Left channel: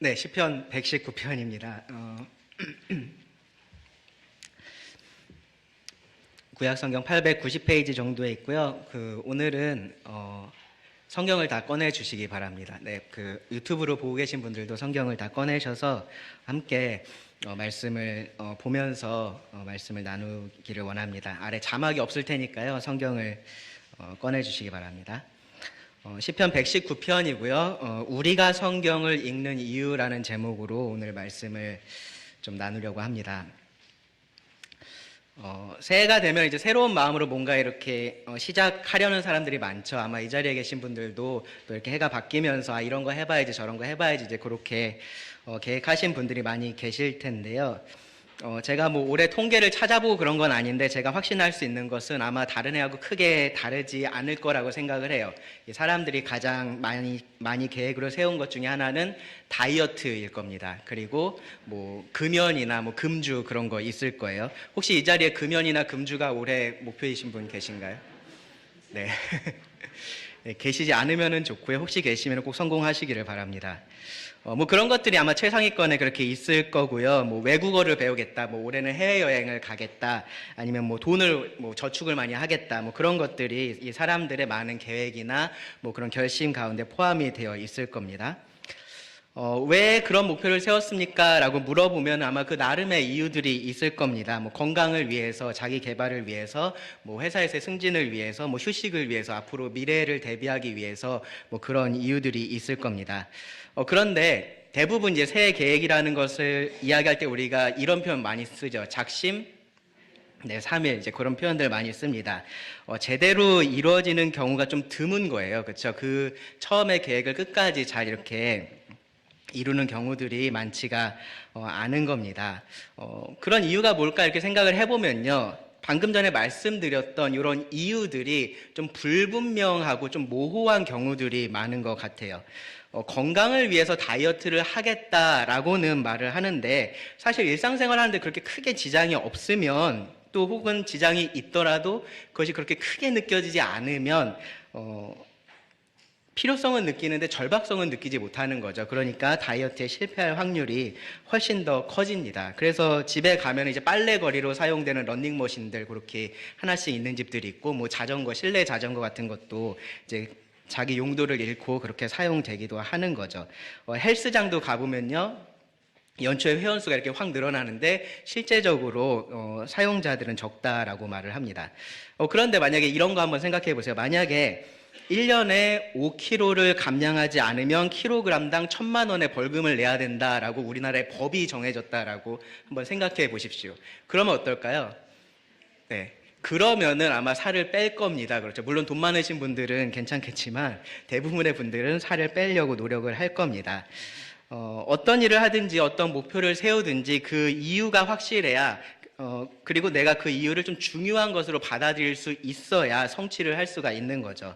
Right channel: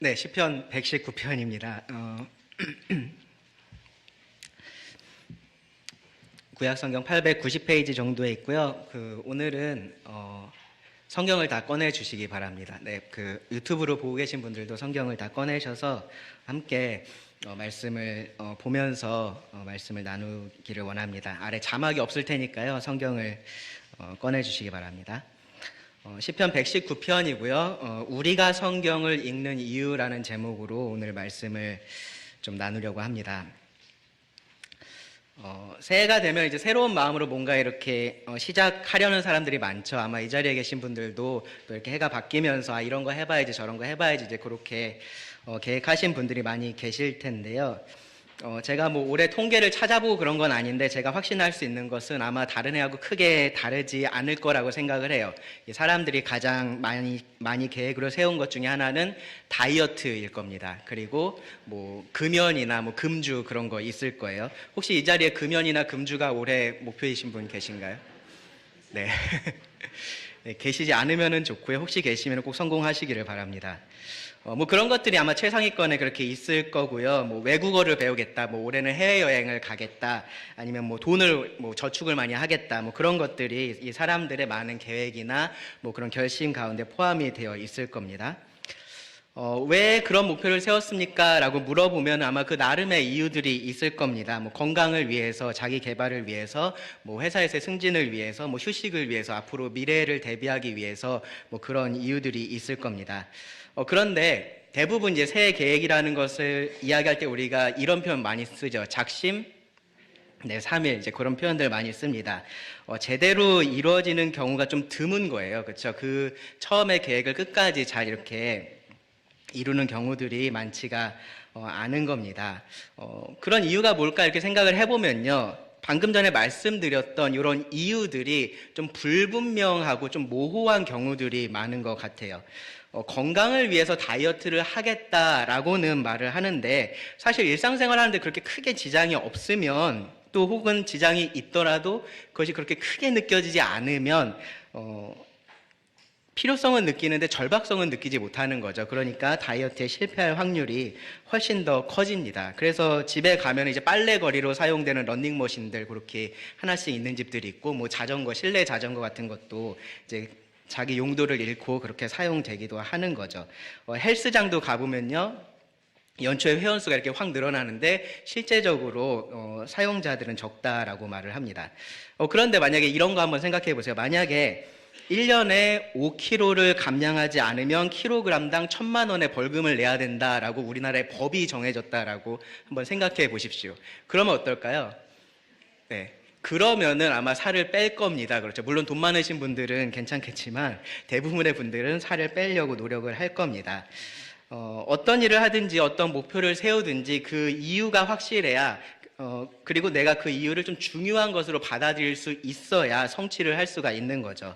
네, 시편 119편입니다. 구약성경 890페이지 정도에 있고요. 오늘은 성경을 다 꺼내 주시기 바랍니다. 네, 유튜브로 보고 계신 분들도 성경을 다 꺼내셔서 함께 말씀을 보면서 말씀을 나누기를 원합니다. 아래 자막이 없을 테니까요. 성경을 꺼내 주시기 바랍니다. 시편 119편이고요. 우리가 성경을 읽는 이유라는 제목으로 오늘 말씀을 좀 나누려고 합니다. 새해가 되면 이제 새로운 마음으로 뭔가 이렇게 시작하려는 사람들이 많죠. 아마 이 자리에 계신 분들도 또 이렇게 해가 바뀌면서 이런 거 해봐야지 저런 거 해봐야지 이제 그렇게 계획하신 분들이 많이 계실 텐데요. 제가 뭐 올해 통계를 찾아보고 그런 건 아닌데 제가 확신할 수 있는 것은 아마 다른 해하고 크게 다르지 않을 거라고 생각을 해요. 사람들이 가장 많이 계획으로 세운 것 중에 하나는 다이어트일 겁니다. 그리고 뭐 금연이나 뭐 금주 그런 거 있을 거예요. 혹시 이 자리에 금연이나 금주가 올해 목표이신 분 계신가요? 네. 네, 계시지 않으면 좋고요. 혹시 계시면 꼭 성공하시기를 바랍니다. 뭐 그런 것들이 아마 최상위권에 그렇게 있을 거고요. 뭐 외국어를 배우겠다, 뭐 올해는 해외여행을 가겠다, 아니면 뭐 돈을 뭐 저축을 많이 하겠다, 뭐 그런 것들이 이 사람들의 많은 계획이나 뭐 그런 결심 가운데 포함이 되어 있을 겁니다. 왜 그런 목표를 세웠습니까? 라고 물어보면 아마 그 나름의 이유들이 있을 겁니다. 뭐 건강을 위해서, 자기 개발을 위해서, 뭐 회사에서의 승진을 위해서, 뭐 휴식을 위해서, 앞으로 미래를 대비하기 위해서 뭐 그런 이유들이 있을 겁니다. 그런데 대부분 이제 새해 계획이라는 것을 이야기할 때 우리가 이런 표현 많이 쓰죠. 작심, 네, 3일 이제 그런 표현들 많이 씁니다. 제대로 이루어지는 경우가 좀 드문 거예요. 그렇죠? 그 처음에 계획을 끝까지 잘 이렇게 이루는 경우들이 많지가 않은 겁니다. 그런 이유가 뭘까 이렇게 생각을 해보면요. 방금 전에 말씀드렸던 이런 이유들이 좀 불분명하고 좀 모호한 경우들이 많은 것 같아요. 건강을 위해서 다이어트를 하겠다라고는 말을 하는데 사실 일상생활 하는데 그렇게 크게 지장이 없으면 또 혹은 지장이 있더라도 그것이 그렇게 크게 느껴지지 않으면 필요성은 느끼는데 절박성은 느끼지 못하는 거죠. 그러니까 다이어트에 실패할 확률이 훨씬 더 커집니다. 그래서 집에 가면 이제 빨래거리로 사용되는 러닝머신들 그렇게 하나씩 있는 집들이 있고 뭐 자전거, 실내 자전거 같은 것도 이제 자기 용도를 잃고 그렇게 사용되기도 하는 거죠. 헬스장도 가보면요. 연초에 회원수가 이렇게 확 늘어나는데 실제적으로 사용자들은 적다라고 말을 합니다. 그런데 만약에 이런 거 한번 생각해 보세요. 만약에 1년에 5kg를 감량하지 않으면 킬로그램당 1,000만 원의 벌금을 내야 된다라고 우리나라의 법이 정해졌다라고 한번 생각해 보십시오. 그러면 어떨까요? 네. 그러면은 아마 살을 뺄 겁니다. 그렇죠. 물론 돈 많으신 분들은 괜찮겠지만 대부분의 분들은 살을 빼려고 노력을 할 겁니다. 어떤 일을 하든지 어떤 목표를 세우든지 그 이유가 확실해야 그리고 내가 그 이유를 좀 중요한 것으로 받아들일 수 있어야 성취를 할 수가 있는 거죠.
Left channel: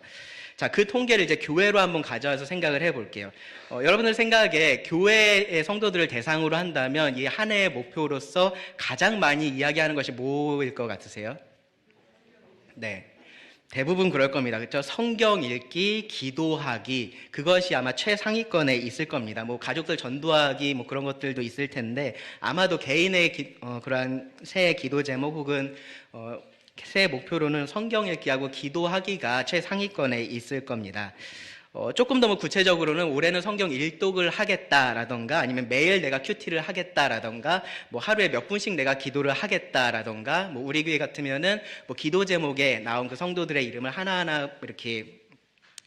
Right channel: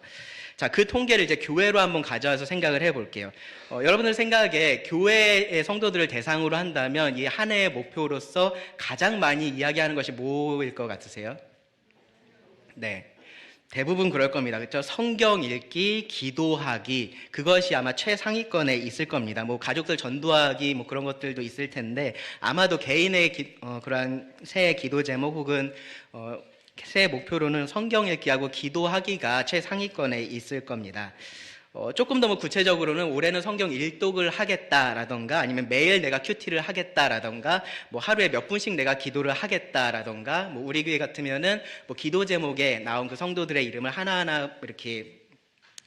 자, 그 통계를 이제 교회로 한번 가져와서 생각을 해볼게요. 여러분들 생각에 교회의 성도들을 대상으로 한다면 이 한 해의 목표로서 가장 많이 이야기하는 것이 뭐일 것 같으세요? 네. 대부분 그럴 겁니다. 그렇죠? 성경 읽기, 기도하기, 그것이 아마 최상위권에 있을 겁니다. 뭐 가족들 전도하기, 뭐 그런 것들도 있을 텐데 아마도 개인의 그러한 새해 기도 제목 혹은 새해 목표로는 성경 읽기하고 기도하기가 최상위권에 있을 겁니다. 조금 더 구체적으로는 올해는 성경 일독을 하겠다라던가 아니면 매일 내가 큐티를 하겠다라던가 뭐 하루에 몇 분씩 내가 기도를 하겠다라던가 뭐 우리 교회 같으면은 뭐 기도 제목에 나온 그 성도들의 이름을 하나하나 이렇게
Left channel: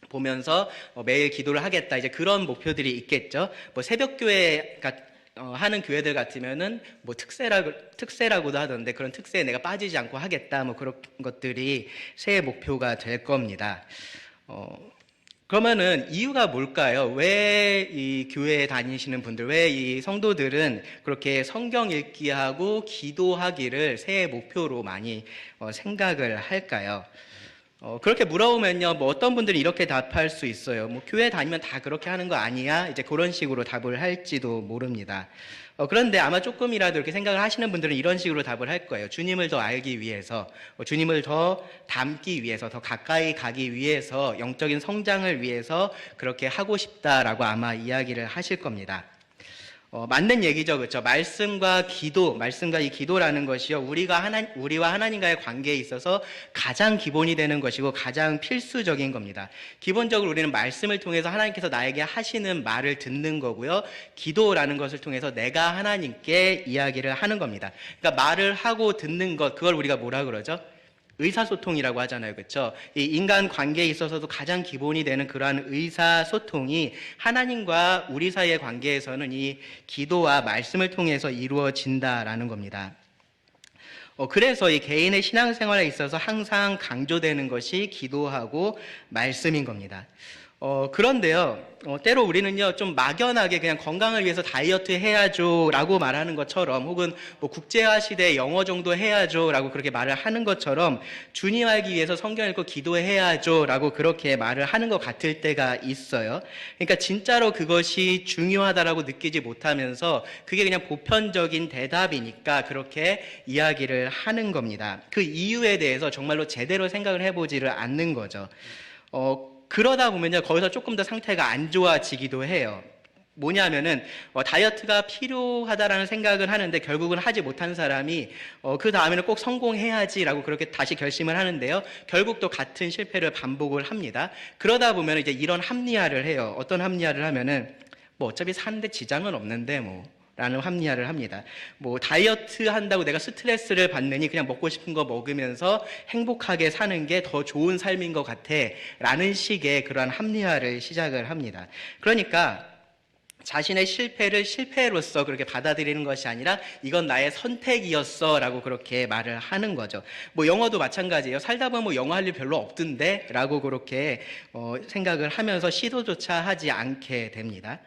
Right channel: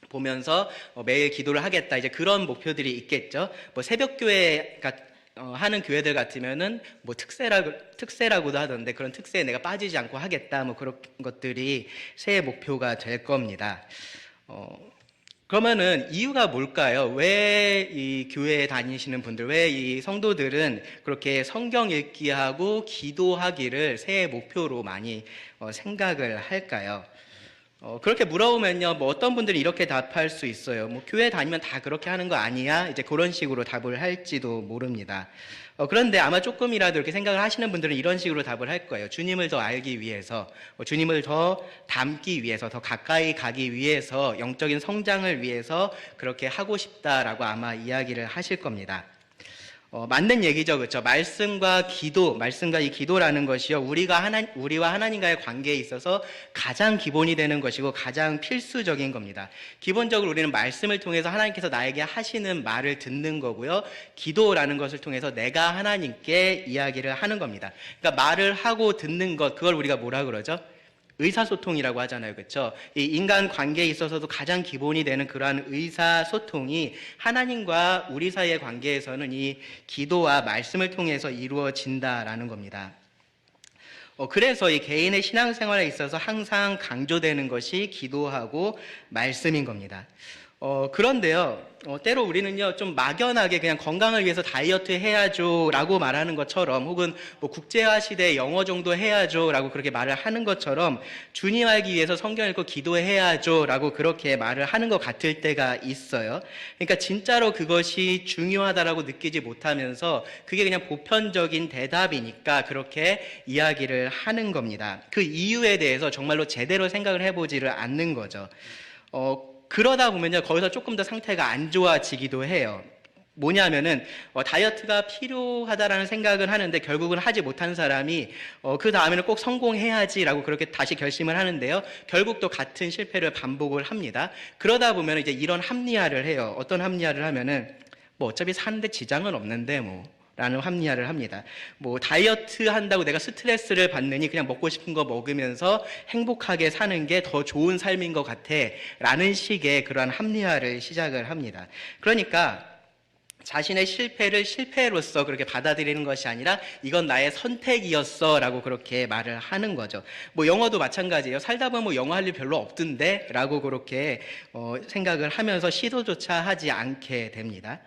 보면서 매일 기도를 하겠다 이제 그런 목표들이 있겠죠. 뭐 새벽교회가 하는 교회들 같으면은 뭐 특세라고도 하던데 그런 특세에 내가 빠지지 않고 하겠다 뭐 그런 것들이 새해 목표가 될 겁니다. 그러면은 이유가 뭘까요? 왜 이 교회에 다니시는 분들, 왜 이 성도들은 그렇게 성경 읽기하고 기도하기를 새해 목표로 많이 생각을 할까요? 그렇게 물어보면요, 뭐 어떤 분들이 이렇게 답할 수 있어요. 뭐 교회 다니면 다 그렇게 하는 거 아니야? 이제 그런 식으로 답을 할지도 모릅니다. 그런데 아마 조금이라도 이렇게 생각을 하시는 분들은 이런 식으로 답을 할 거예요. 주님을 더 알기 위해서, 주님을 더 닮기 위해서, 더 가까이 가기 위해서, 영적인 성장을 위해서 그렇게 하고 싶다라고 아마 이야기를 하실 겁니다. 맞는 얘기죠, 그렇죠? 말씀과 기도, 말씀과 이 기도라는 것이요, 우리와 하나님과의 관계에 있어서 가장 기본이 되는 것이고 가장 필수적인 겁니다. 기본적으로 우리는 말씀을 통해서 하나님께서 나에게 하시는 말을 듣는 거고요, 기도라는 것을 통해서 내가 하나님께 이야기를 하는 겁니다. 그러니까 말을 하고 듣는 것, 그걸 우리가 뭐라 그러죠? 의사소통이라고 하잖아요. 그렇죠? 이 인간 관계에 있어서도 가장 기본이 되는 그러한 의사소통이 하나님과 우리 사이의 관계에서는 이 기도와 말씀을 통해서 이루어진다라는 겁니다. 그래서 이 개인의 신앙생활에 있어서 항상 강조되는 것이 기도하고 말씀인 겁니다. 그런데요, 때로 우리는요, 좀 막연하게 그냥 건강을 위해서 다이어트 해야죠 라고 말하는 것처럼, 혹은 뭐 국제화 시대에 영어 정도 해야죠 라고 그렇게 말을 하는 것처럼, 주님 알기 위해서 성경 읽고 기도해야죠 라고 그렇게 말을 하는 것 같을 때가 있어요. 그러니까 진짜로 그것이 중요하다라고 느끼지 못하면서 그게 그냥 보편적인 대답이니까 그렇게 이야기를 하는 겁니다. 그 이유에 대해서 정말로 제대로 생각을 해보지를 않는 거죠. 그러다 보면요, 거기서 조금 더 상태가 안 좋아지기도 해요. 뭐냐면은 다이어트가 필요하다라는 생각을 하는데 결국은 하지 못한 사람이 그 다음에는 꼭 성공해야지라고 그렇게 다시 결심을 하는데요, 결국 또 같은 실패를 반복을 합니다. 그러다 보면 이제 이런 합리화를 해요. 어떤 합리화를 하면은 뭐 어차피 사는데 지장은 없는데 라는 합리화를 합니다. 뭐 다이어트 한다고 내가 스트레스를 받느니 그냥 먹고 싶은 거 먹으면서 행복하게 사는 게 더 좋은 삶인 것 같아 라는 식의 그러한 합리화를 시작을 합니다. 그러니까 자신의 실패를 실패로서 그렇게 받아들이는 것이 아니라 이건 나의 선택이었어 라고 그렇게 말을 하는 거죠. 뭐 영어도 마찬가지예요. 살다 보면 뭐 영어 할 일 별로 없던데 라고 그렇게 생각을 하면서 시도조차 하지 않게 됩니다.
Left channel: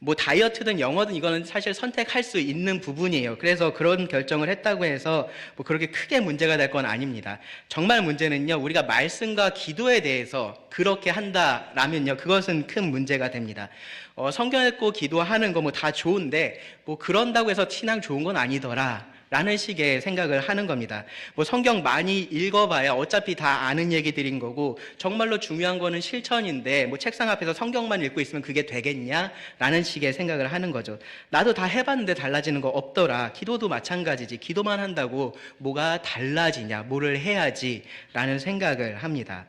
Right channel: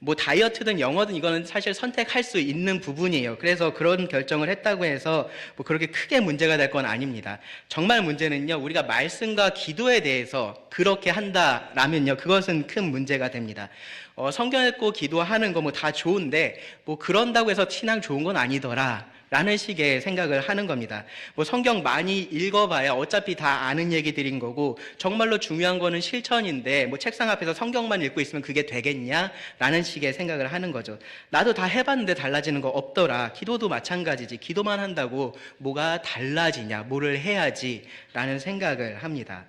뭐 다이어트든 영어든 이거는 사실 선택할 수 있는 부분이에요. 그래서 그런 결정을 했다고 해서 뭐 그렇게 크게 문제가 될 건 아닙니다. 정말 문제는요, 우리가 말씀과 기도에 대해서 그렇게 한다라면요, 그것은 큰 문제가 됩니다. 성경 읽고 기도하는 거 뭐 다 좋은데 뭐 그런다고 해서 신앙 좋은 건 아니더라 라는 식의 생각을 하는 겁니다. 뭐 성경 많이 읽어봐야 어차피 다 아는 얘기들인 거고, 정말로 중요한 거는 실천인데 뭐 책상 앞에서 성경만 읽고 있으면 그게 되겠냐 라는 식의 생각을 하는 거죠. 나도 다 해봤는데 달라지는 거 없더라. 기도도 마찬가지지. 기도만 한다고 뭐가 달라지냐, 뭐를 해야지 라는 생각을 합니다.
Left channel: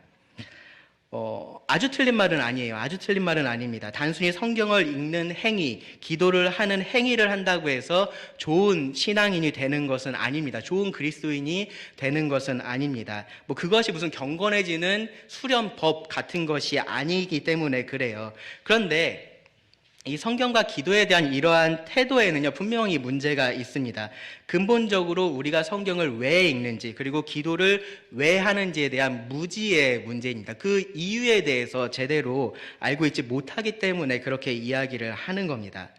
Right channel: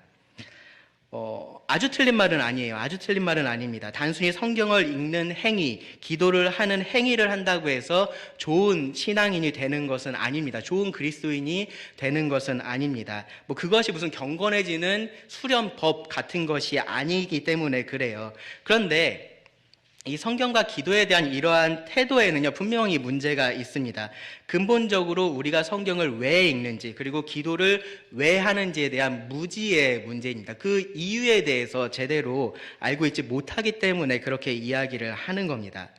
아주 틀린 말은 아니에요. 아주 틀린 말은 아닙니다. 단순히 성경을 읽는 행위, 기도를 하는 행위를 한다고 해서 좋은 신앙인이 되는 것은 아닙니다. 좋은 그리스도인이 되는 것은 아닙니다. 뭐 그것이 무슨 경건해지는 수련법 같은 것이 아니기 때문에 그래요. 그런데 이 성경과 기도에 대한 이러한 태도에는요, 분명히 문제가 있습니다. 근본적으로 우리가 성경을 왜 읽는지, 그리고 기도를 왜 하는지에 대한 무지의 문제입니다. 그 이유에 대해서 제대로 알고 있지 못하기 때문에 그렇게 이야기를 하는 겁니다.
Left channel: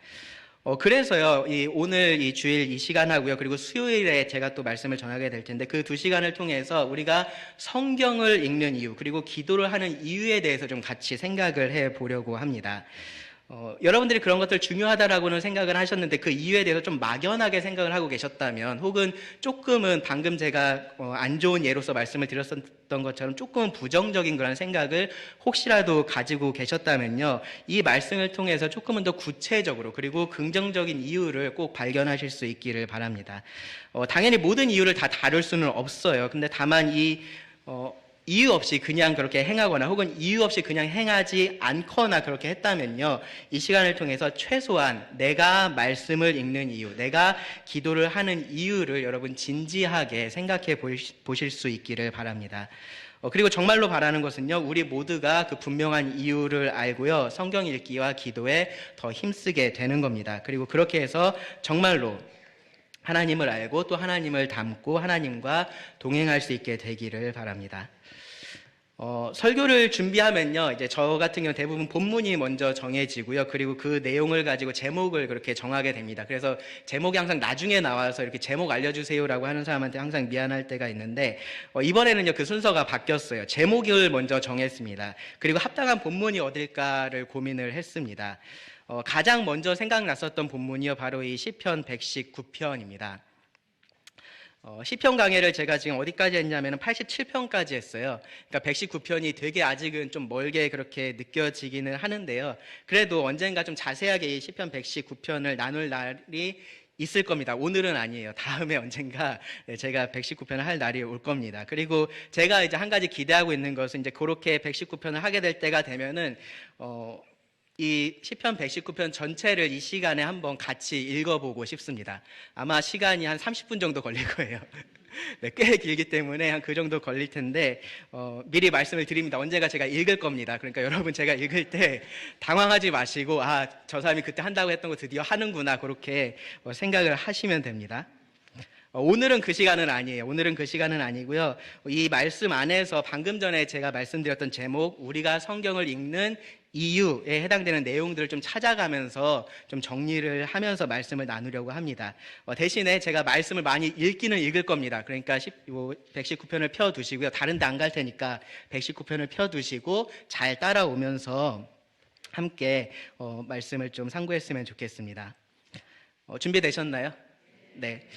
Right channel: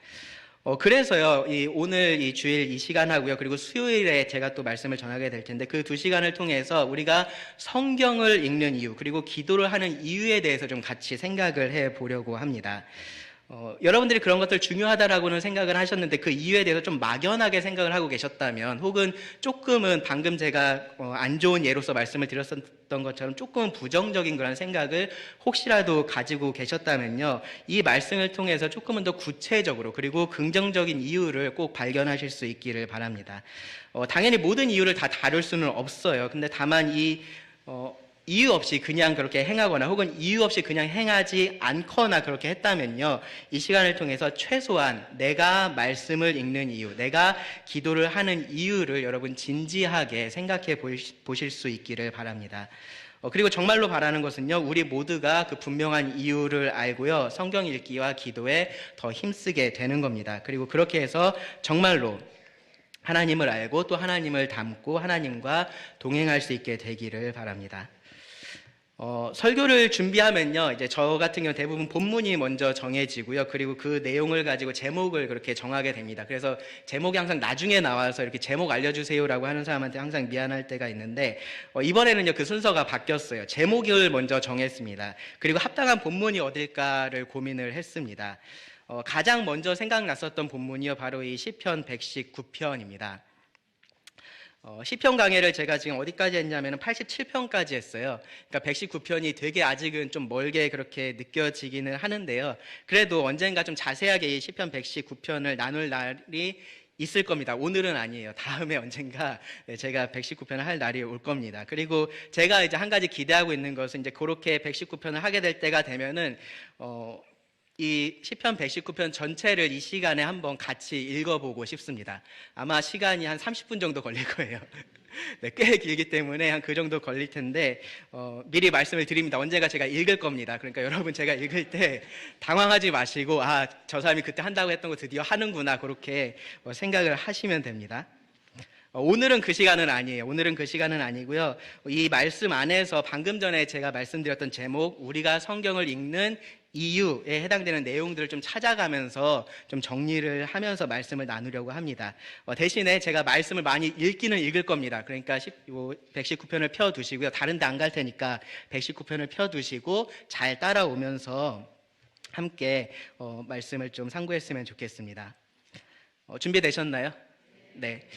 그래서요, 오늘 이 주일 이 시간 하고요, 그리고 수요일에 제가 또 말씀을 전하게 될 텐데, 그 두 시간을 통해서 우리가 성경을 읽는 이유, 그리고 기도를 하는 이유에 대해서 좀 같이 생각을 해 보려고 합니다. 여러분들이 그런 것들 중요하다라고는 생각을 하셨는데 그 이유에 대해서 좀 막연하게 생각을 하고 계셨다면, 혹은 조금은 방금 제가 안 좋은 예로서 말씀을 드렸었던 것처럼 조금은 부정적인 그런 생각을 혹시라도 가지고 계셨다면요, 이 말씀을 통해서 조금은 더 구체적으로 그리고 긍정적인 이유를 꼭 발견하실 수 있기를 바랍니다. 당연히 모든 이유를 다 다룰 수는 없어요. 근데 다만 이유 없이 그냥 그렇게 행하거나 혹은 이유 없이 그냥 행하지 않거나 그렇게 했다면요, 이 시간을 통해서 최소한 내가 말씀을 읽는 이유, 내가 기도를 하는 이유를 여러분 진지하게 생각해 보실 수 있기를 바랍니다. 그리고 정말로 바라는 것은요, 우리 모두가 그 분명한 이유를 알고요, 성경 읽기와 기도에 더 힘쓰게 되는 겁니다. 그리고 그렇게 해서 정말로 하나님을 알고 또 하나님을 닮고 하나님과 동행할 수 있게 되기를 바랍니다. 설교를 준비하면요, 이제 저 같은 경우 대부분 본문이 먼저 정해지고요, 그리고 그 내용을 가지고 제목을 그렇게 정하게 됩니다. 그래서 제목이 항상 나중에 나와서 이렇게 제목 알려주세요라고 하는 사람한테 항상 미안할 때가 있는데, 이번에는요, 그 순서가 바뀌었어요. 제목을 먼저 정했습니다. 그리고 합당한 본문이 어딜까를 고민을 했습니다. 가장 먼저 생각났었던 본문이요, 바로 이 시편 119편입니다. 시편 강해를 제가 지금 어디까지 했냐면 87편까지 했어요. 그러니까 119편이 되게 아직은 좀 멀게 그렇게 느껴지기는 하는데요. 그래도 언젠가 좀 자세하게 이 시편 119편을 나눌 날이 있을 겁니다. 오늘은 아니에요. 다음에 언젠가 제가 119편을 할 날이 올 겁니다. 그리고 제가 이제 한 가지 기대하고 있는 것은 이제 그렇게 119편을 하게 될 때가 되면은 이 시편 119편 전체를 이 시간에 한번 같이 읽어보고 싶습니다. 아마 시간이 한 30분 정도 걸릴 거예요. 네, 꽤 길기 때문에 한 그 정도 걸릴 텐데 미리 말씀을 드립니다. 언젠가 제가 읽을 겁니다. 그러니까 여러분 제가 읽을 때 당황하지 마시고 저 사람이 그때 한다고 했던 거 드디어 하는구나 그렇게 생각을 하시면 됩니다. 오늘은 그 시간은 아니에요. 오늘은 그 시간은 아니고요. 이 말씀 안에서 방금 전에 제가 말씀드렸던 제목, 우리가 성경을 읽는 이유에 해당되는 내용들을 좀 찾아가면서 좀 정리를 하면서 말씀을 나누려고 합니다. 대신에 제가 말씀을 많이 읽기는 읽을 겁니다. 그러니까 119편을 펴두시고요. 다른 데 안 갈 테니까 119편을 펴두시고 잘 따라오면서 함께 말씀을 좀 상고했으면 좋겠습니다. 준비되셨나요? 네.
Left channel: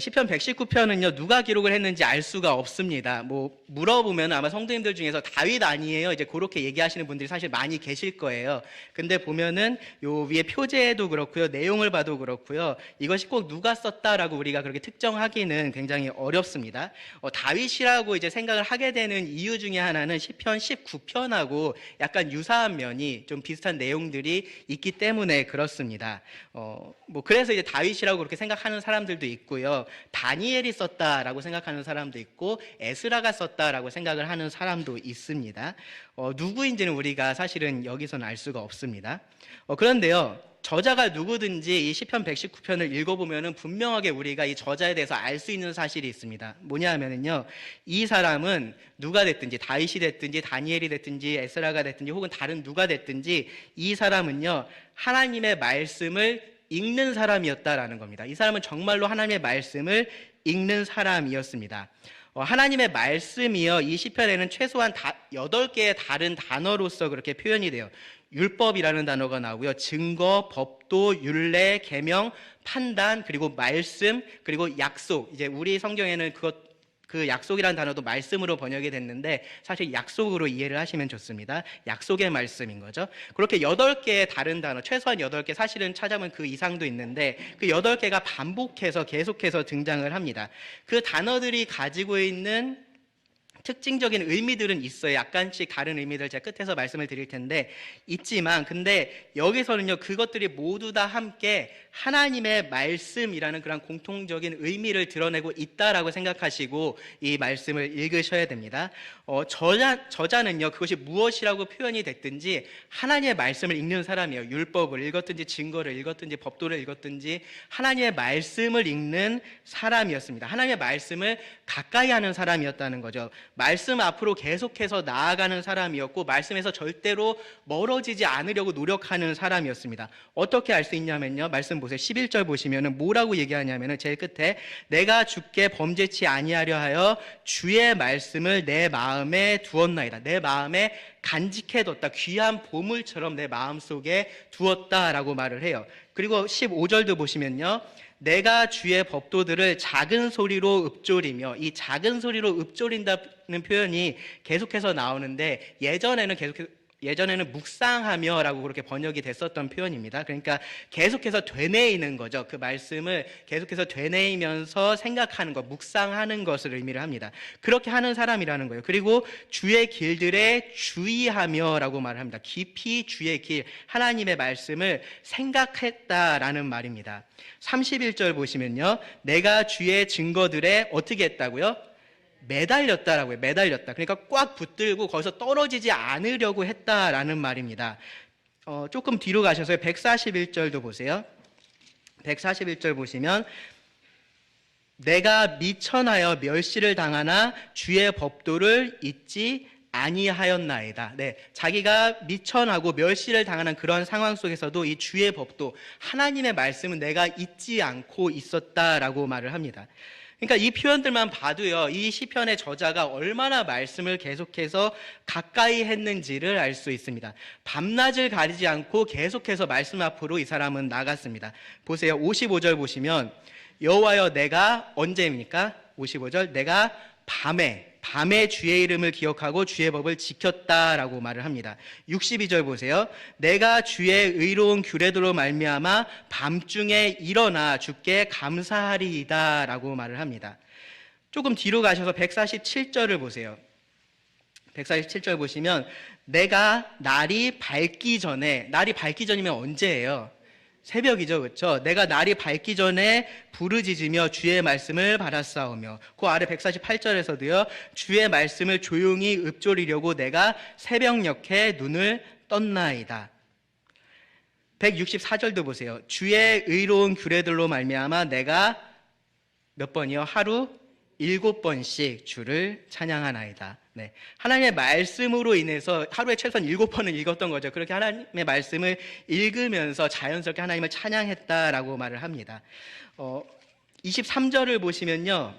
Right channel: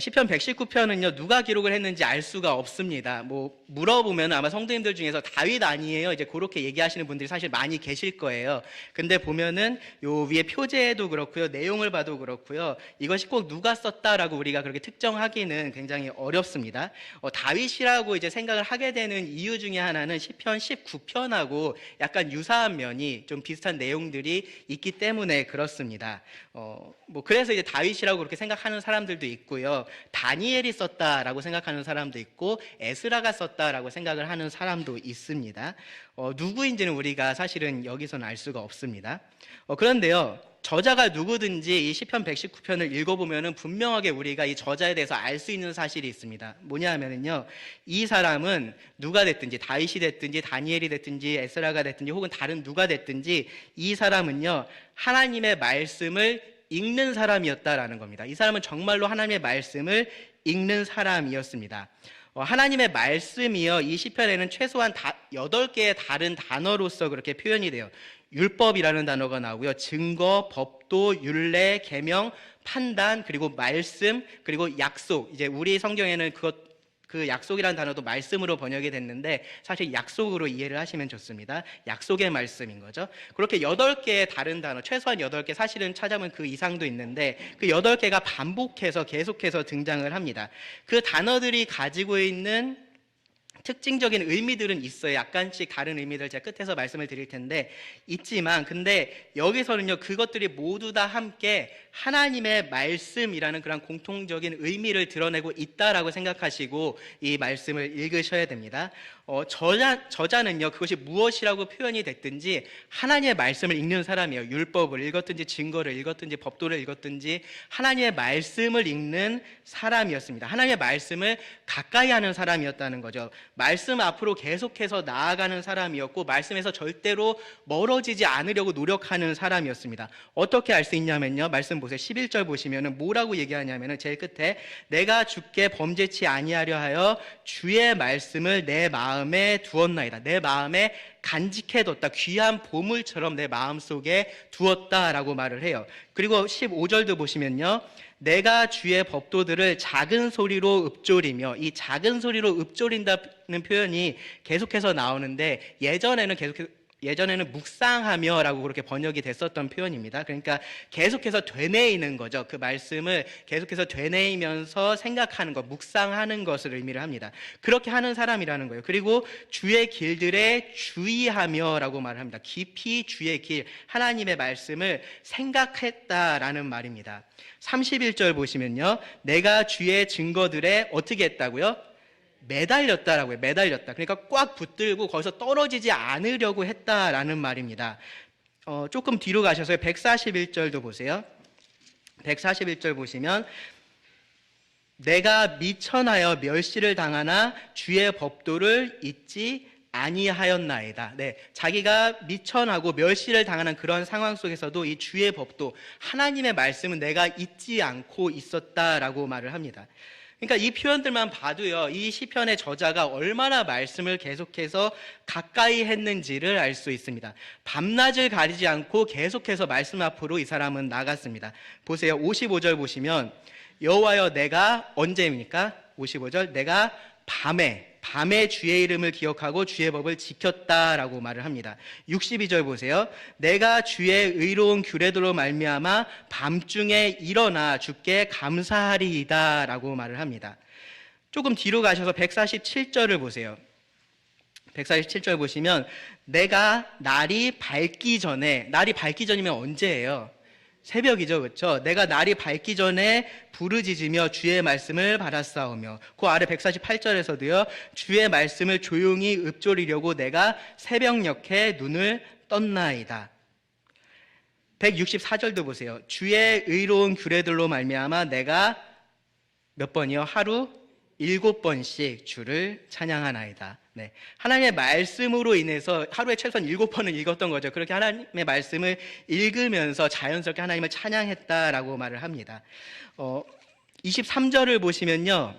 시편 119편은요, 누가 기록을 했는지 알 수가 없습니다. 물어보면 아마 성도님들 중에서 다윗 아니에요? 이제 그렇게 얘기하시는 분들이 사실 많이 계실 거예요. 근데 보면은 요 위에 표제도 그렇고요, 내용을 봐도 그렇고요, 이것이 꼭 누가 썼다라고 우리가 그렇게 특정하기는 굉장히 어렵습니다. 다윗이라고 이제 생각을 하게 되는 이유 중에 하나는 시편 19편하고 약간 유사한 면이 좀 비슷한 내용들이 있기 때문에 그렇습니다. 그래서 이제 다윗이라고 그렇게 생각하는 사람들도 있고요. 다니엘이 썼다라고 생각하는 사람도 있고 에스라가 썼다라고 생각을 하는 사람도 있습니다. 누구인지는 우리가 사실은 여기서는 알 수가 없습니다. 그런데요, 저자가 누구든지 이 시편 119편을 읽어보면은 분명하게 우리가 이 저자에 대해서 알 수 있는 사실이 있습니다. 뭐냐 하면은요, 이 사람은 누가 됐든지, 다윗이 됐든지, 다니엘이 됐든지, 에스라가 됐든지, 혹은 다른 누가 됐든지, 이 사람은요, 하나님의 말씀을 읽는 사람이었다라는 겁니다. 이 사람은 정말로 하나님의 말씀을 읽는 사람이었습니다. 하나님의 말씀이요, 이 시편에는 최소한 8개의 다른 단어로서 그렇게 표현이 돼요. 율법이라는 단어가 나오고요. 증거, 법도, 율례, 계명, 판단, 그리고 말씀, 그리고 약속. 이제 우리 성경에는 그 약속이라는 단어도 말씀으로 번역이 됐는데 사실 약속으로 이해를 하시면 좋습니다. 약속의 말씀인 거죠. 그렇게 8개의 다른 단어, 최소한 8개, 사실은 찾아보면 그 이상도 있는데 그 8개가 반복해서 계속해서 등장을 합니다. 그 단어들이 가지고 있는 특징적인 의미들은 있어요. 약간씩 다른 의미들 제가 끝에서 말씀을 드릴 텐데 있지만, 근데 여기서는요, 그것들이 모두 다 함께 하나님의 말씀이라는 그런 공통적인 의미를 드러내고 있다라고 생각하시고 이 말씀을 읽으셔야 됩니다. 저자는요, 그것이 무엇이라고 표현이 됐든지 하나님의 말씀을 읽는 사람이에요. 율법을 읽었든지 증거를 읽었든지 법도를 읽었든지 하나님의 말씀을 읽는 사람이었습니다. 하나님의 말씀을 가까이 하는 사람이었다는 거죠. 말씀 앞으로 계속해서 나아가는 사람이었고 말씀에서 절대로 멀어지지 않으려고 노력하는 사람이었습니다. 어떻게 알 수 있냐면요, 말씀 보세요. 11절 보시면은 뭐라고 얘기하냐면은 제일 끝에 내가 주께 범죄치 아니하려 하여 주의 말씀을 내 마음에 두었나이다. 내 마음에 간직해뒀다. 귀한 보물처럼 내 마음속에 두었다라고 말을 해요. 그리고 15절도 보시면요, 내가 주의 법도들을 작은 소리로 읊조리며, 이 작은 소리로 읊조린다는 표현이 계속해서 나오는데 예전에는 묵상하며라고 그렇게 번역이 됐었던 표현입니다. 그러니까 계속해서 되뇌이는 거죠. 그 말씀을 계속해서 되뇌이면서 생각하는 것, 묵상하는 것을 의미를 합니다. 그렇게 하는 사람이라는 거예요. 그리고 주의 길들에 주의하며라고 말을 합니다. 깊이 주의 길, 하나님의 말씀을 생각했다라는 말입니다. 31절 보시면요, 내가 주의 증거들에 어떻게 했다고요? 매달렸다라고요. 매달렸다. 그러니까 꽉 붙들고 거기서 떨어지지 않으려고 했다라는 말입니다. 조금 뒤로 가셔서 141절도 보세요. 141절 보시면 내가 미천하여 멸시를 당하나 주의 법도를 잊지 아니하였나이다. 네, 자기가 미천하고 멸시를 당하는 그런 상황 속에서도 이 주의 법도, 하나님의 말씀은 내가 잊지 않고 있었다라고 말을 합니다. 그러니까 이 표현들만 봐도요, 이 시편의 저자가 얼마나 말씀을 계속해서 가까이 했는지를 알 수 있습니다. 밤낮을 가리지 않고 계속해서 말씀 앞으로 이 사람은 나갔습니다. 보세요. 55절 보시면 여호와여 내가 언제입니까? 55절 내가 밤에 주의 이름을 기억하고 주의 법을 지켰다라고 말을 합니다. 62절 보세요. 내가 주의 의로운 규례도로 말미암아 밤중에 일어나 주께 감사하리이다라고 말을 합니다. 조금 뒤로 가셔서 147절을 보세요. 147절 보시면 내가 날이 밝기 전이면 언제예요? 새벽이죠, 그렇죠? 내가 날이 밝기 전에 부르짖으며 주의 말씀을 받았사오며, 그 아래 148절에서도요, 주의 말씀을 조용히 읊조리려고 내가 새벽녘에 눈을 떴나이다. 164절도 보세요. 주의 의로운 규례들로 말미암아 내가 몇 번이요? 하루 7번씩 주를 찬양하나이다. 네. 하나님의 말씀으로 인해서 하루에 최소한 7번은 읽었던 거죠. 그렇게 하나님의 말씀을 읽으면서 자연스럽게 하나님을 찬양했다라고 말을 합니다. 23절을 보시면요.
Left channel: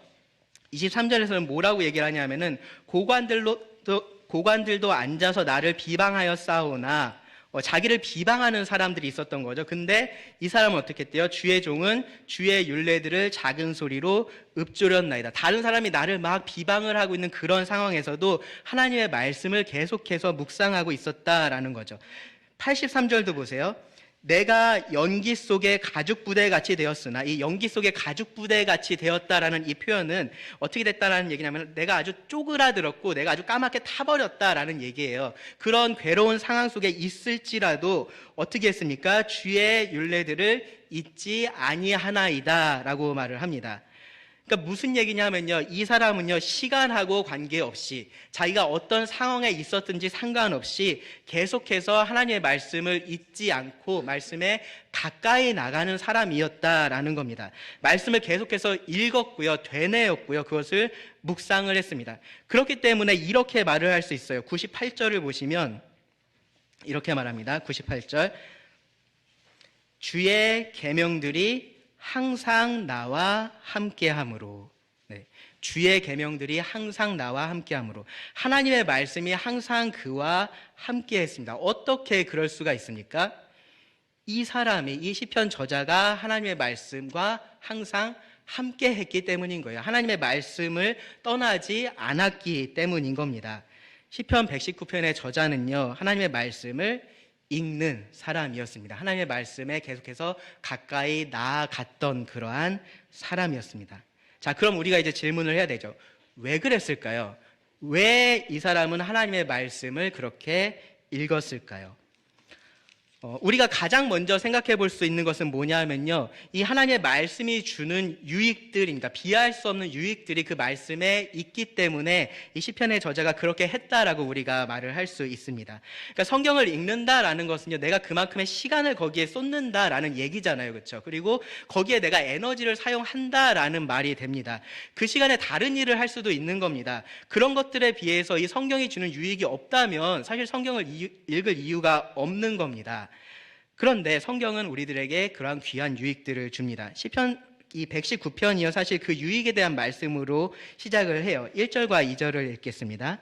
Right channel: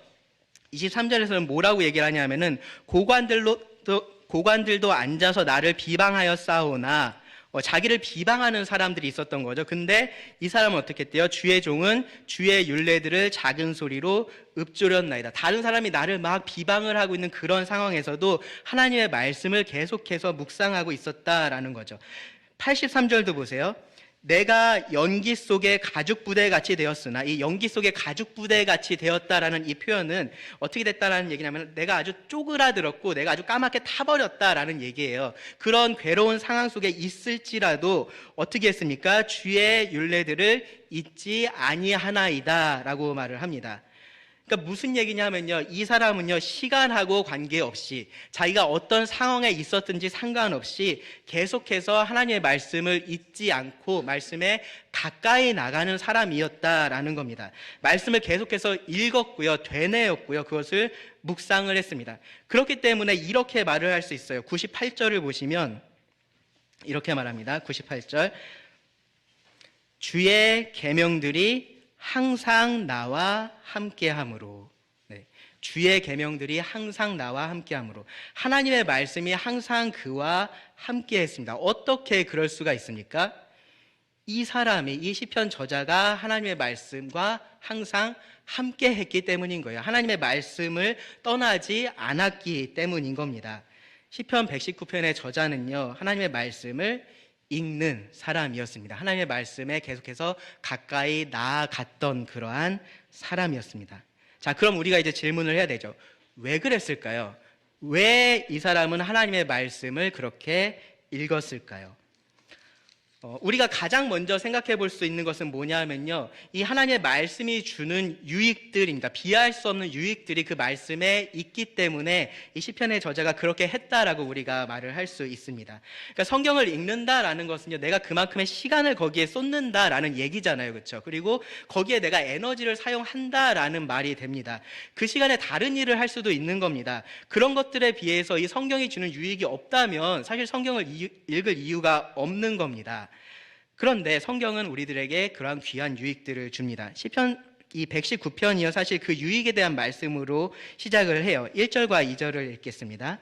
23절에서는 뭐라고 얘기를 하냐면은 고관들도 앉아서 나를 비방하여 싸우나 자기를 비방하는 사람들이 있었던 거죠. 근데 이 사람은 어떻게 했대요? 주의 종은 주의 율례들을 작은 소리로 읊조렸나이다. 다른 사람이 나를 막 비방을 하고 있는 그런 상황에서도 하나님의 말씀을 계속해서 묵상하고 있었다라는 거죠. 83절도 보세요. 내가 연기 속에 가죽부대 같이 되었으나, 이 연기 속에 가죽부대 같이 되었다라는 이 표현은 어떻게 됐다라는 얘기냐면 내가 아주 쪼그라들었고 내가 아주 까맣게 타버렸다라는 얘기예요. 그런 괴로운 상황 속에 있을지라도 어떻게 했습니까? 주의 율례들을 잊지 아니하나이다라고 말을 합니다. 그러니까 무슨 얘기냐면요, 이 사람은요 시간하고 관계없이 자기가 어떤 상황에 있었든지 상관없이 계속해서 하나님의 말씀을 잊지 않고 말씀에 가까이 나가는 사람이었다라는 겁니다. 말씀을 계속해서 읽었고요, 되뇌었고요, 그것을 묵상을 했습니다. 그렇기 때문에 이렇게 말을 할 수 있어요. 98절을 보시면 이렇게 말합니다. 98절 주의 계명들이 항상 나와 함께함으로. 네. 주의 계명들이 항상 나와 함께함으로. 하나님의 말씀이 항상 그와 함께했습니다. 어떻게 그럴 수가 있습니까? 이 시편 저자가 하나님의 말씀과 항상 함께했기 때문인 거예요. 하나님의 말씀을 떠나지 않았기 때문인 겁니다. 시편 119편의 저자는요, 하나님의 말씀을 읽는 사람이었습니다. 하나님의 말씀에 계속해서 가까이 나아갔던 그러한 사람이었습니다. 자, 그럼 우리가 이제 질문을 해야 되죠. 왜 그랬을까요? 왜 이 사람은 하나님의 말씀을 그렇게 읽었을까요? 우리가 가장 먼저 생각해 볼 수 있는 것은 뭐냐면요, 이 하나님의 말씀이 주는 유익들입니다. 비할 수 없는 유익들이 그 말씀에 있기 때문에 이 시편의 저자가 그렇게 했다라고 우리가 말을 할 수 있습니다. 그러니까 성경을 읽는다라는 것은요, 내가 그만큼의 시간을 거기에 쏟는다라는 얘기잖아요, 그렇죠? 그리고 거기에 내가 에너지를 사용한다라는 말이 됩니다. 그 시간에 다른 일을 할 수도 있는 겁니다. 그런 것들에 비해서 이 성경이 주는 유익이 없다면 사실 성경을 읽을 이유가 없는 겁니다. 그런데 성경은 우리들에게 그러한 귀한 유익들을 줍니다. 시편 이 119편이요, 사실 그 유익에 대한 말씀으로 시작을 해요. 1절과 2절을 읽겠습니다.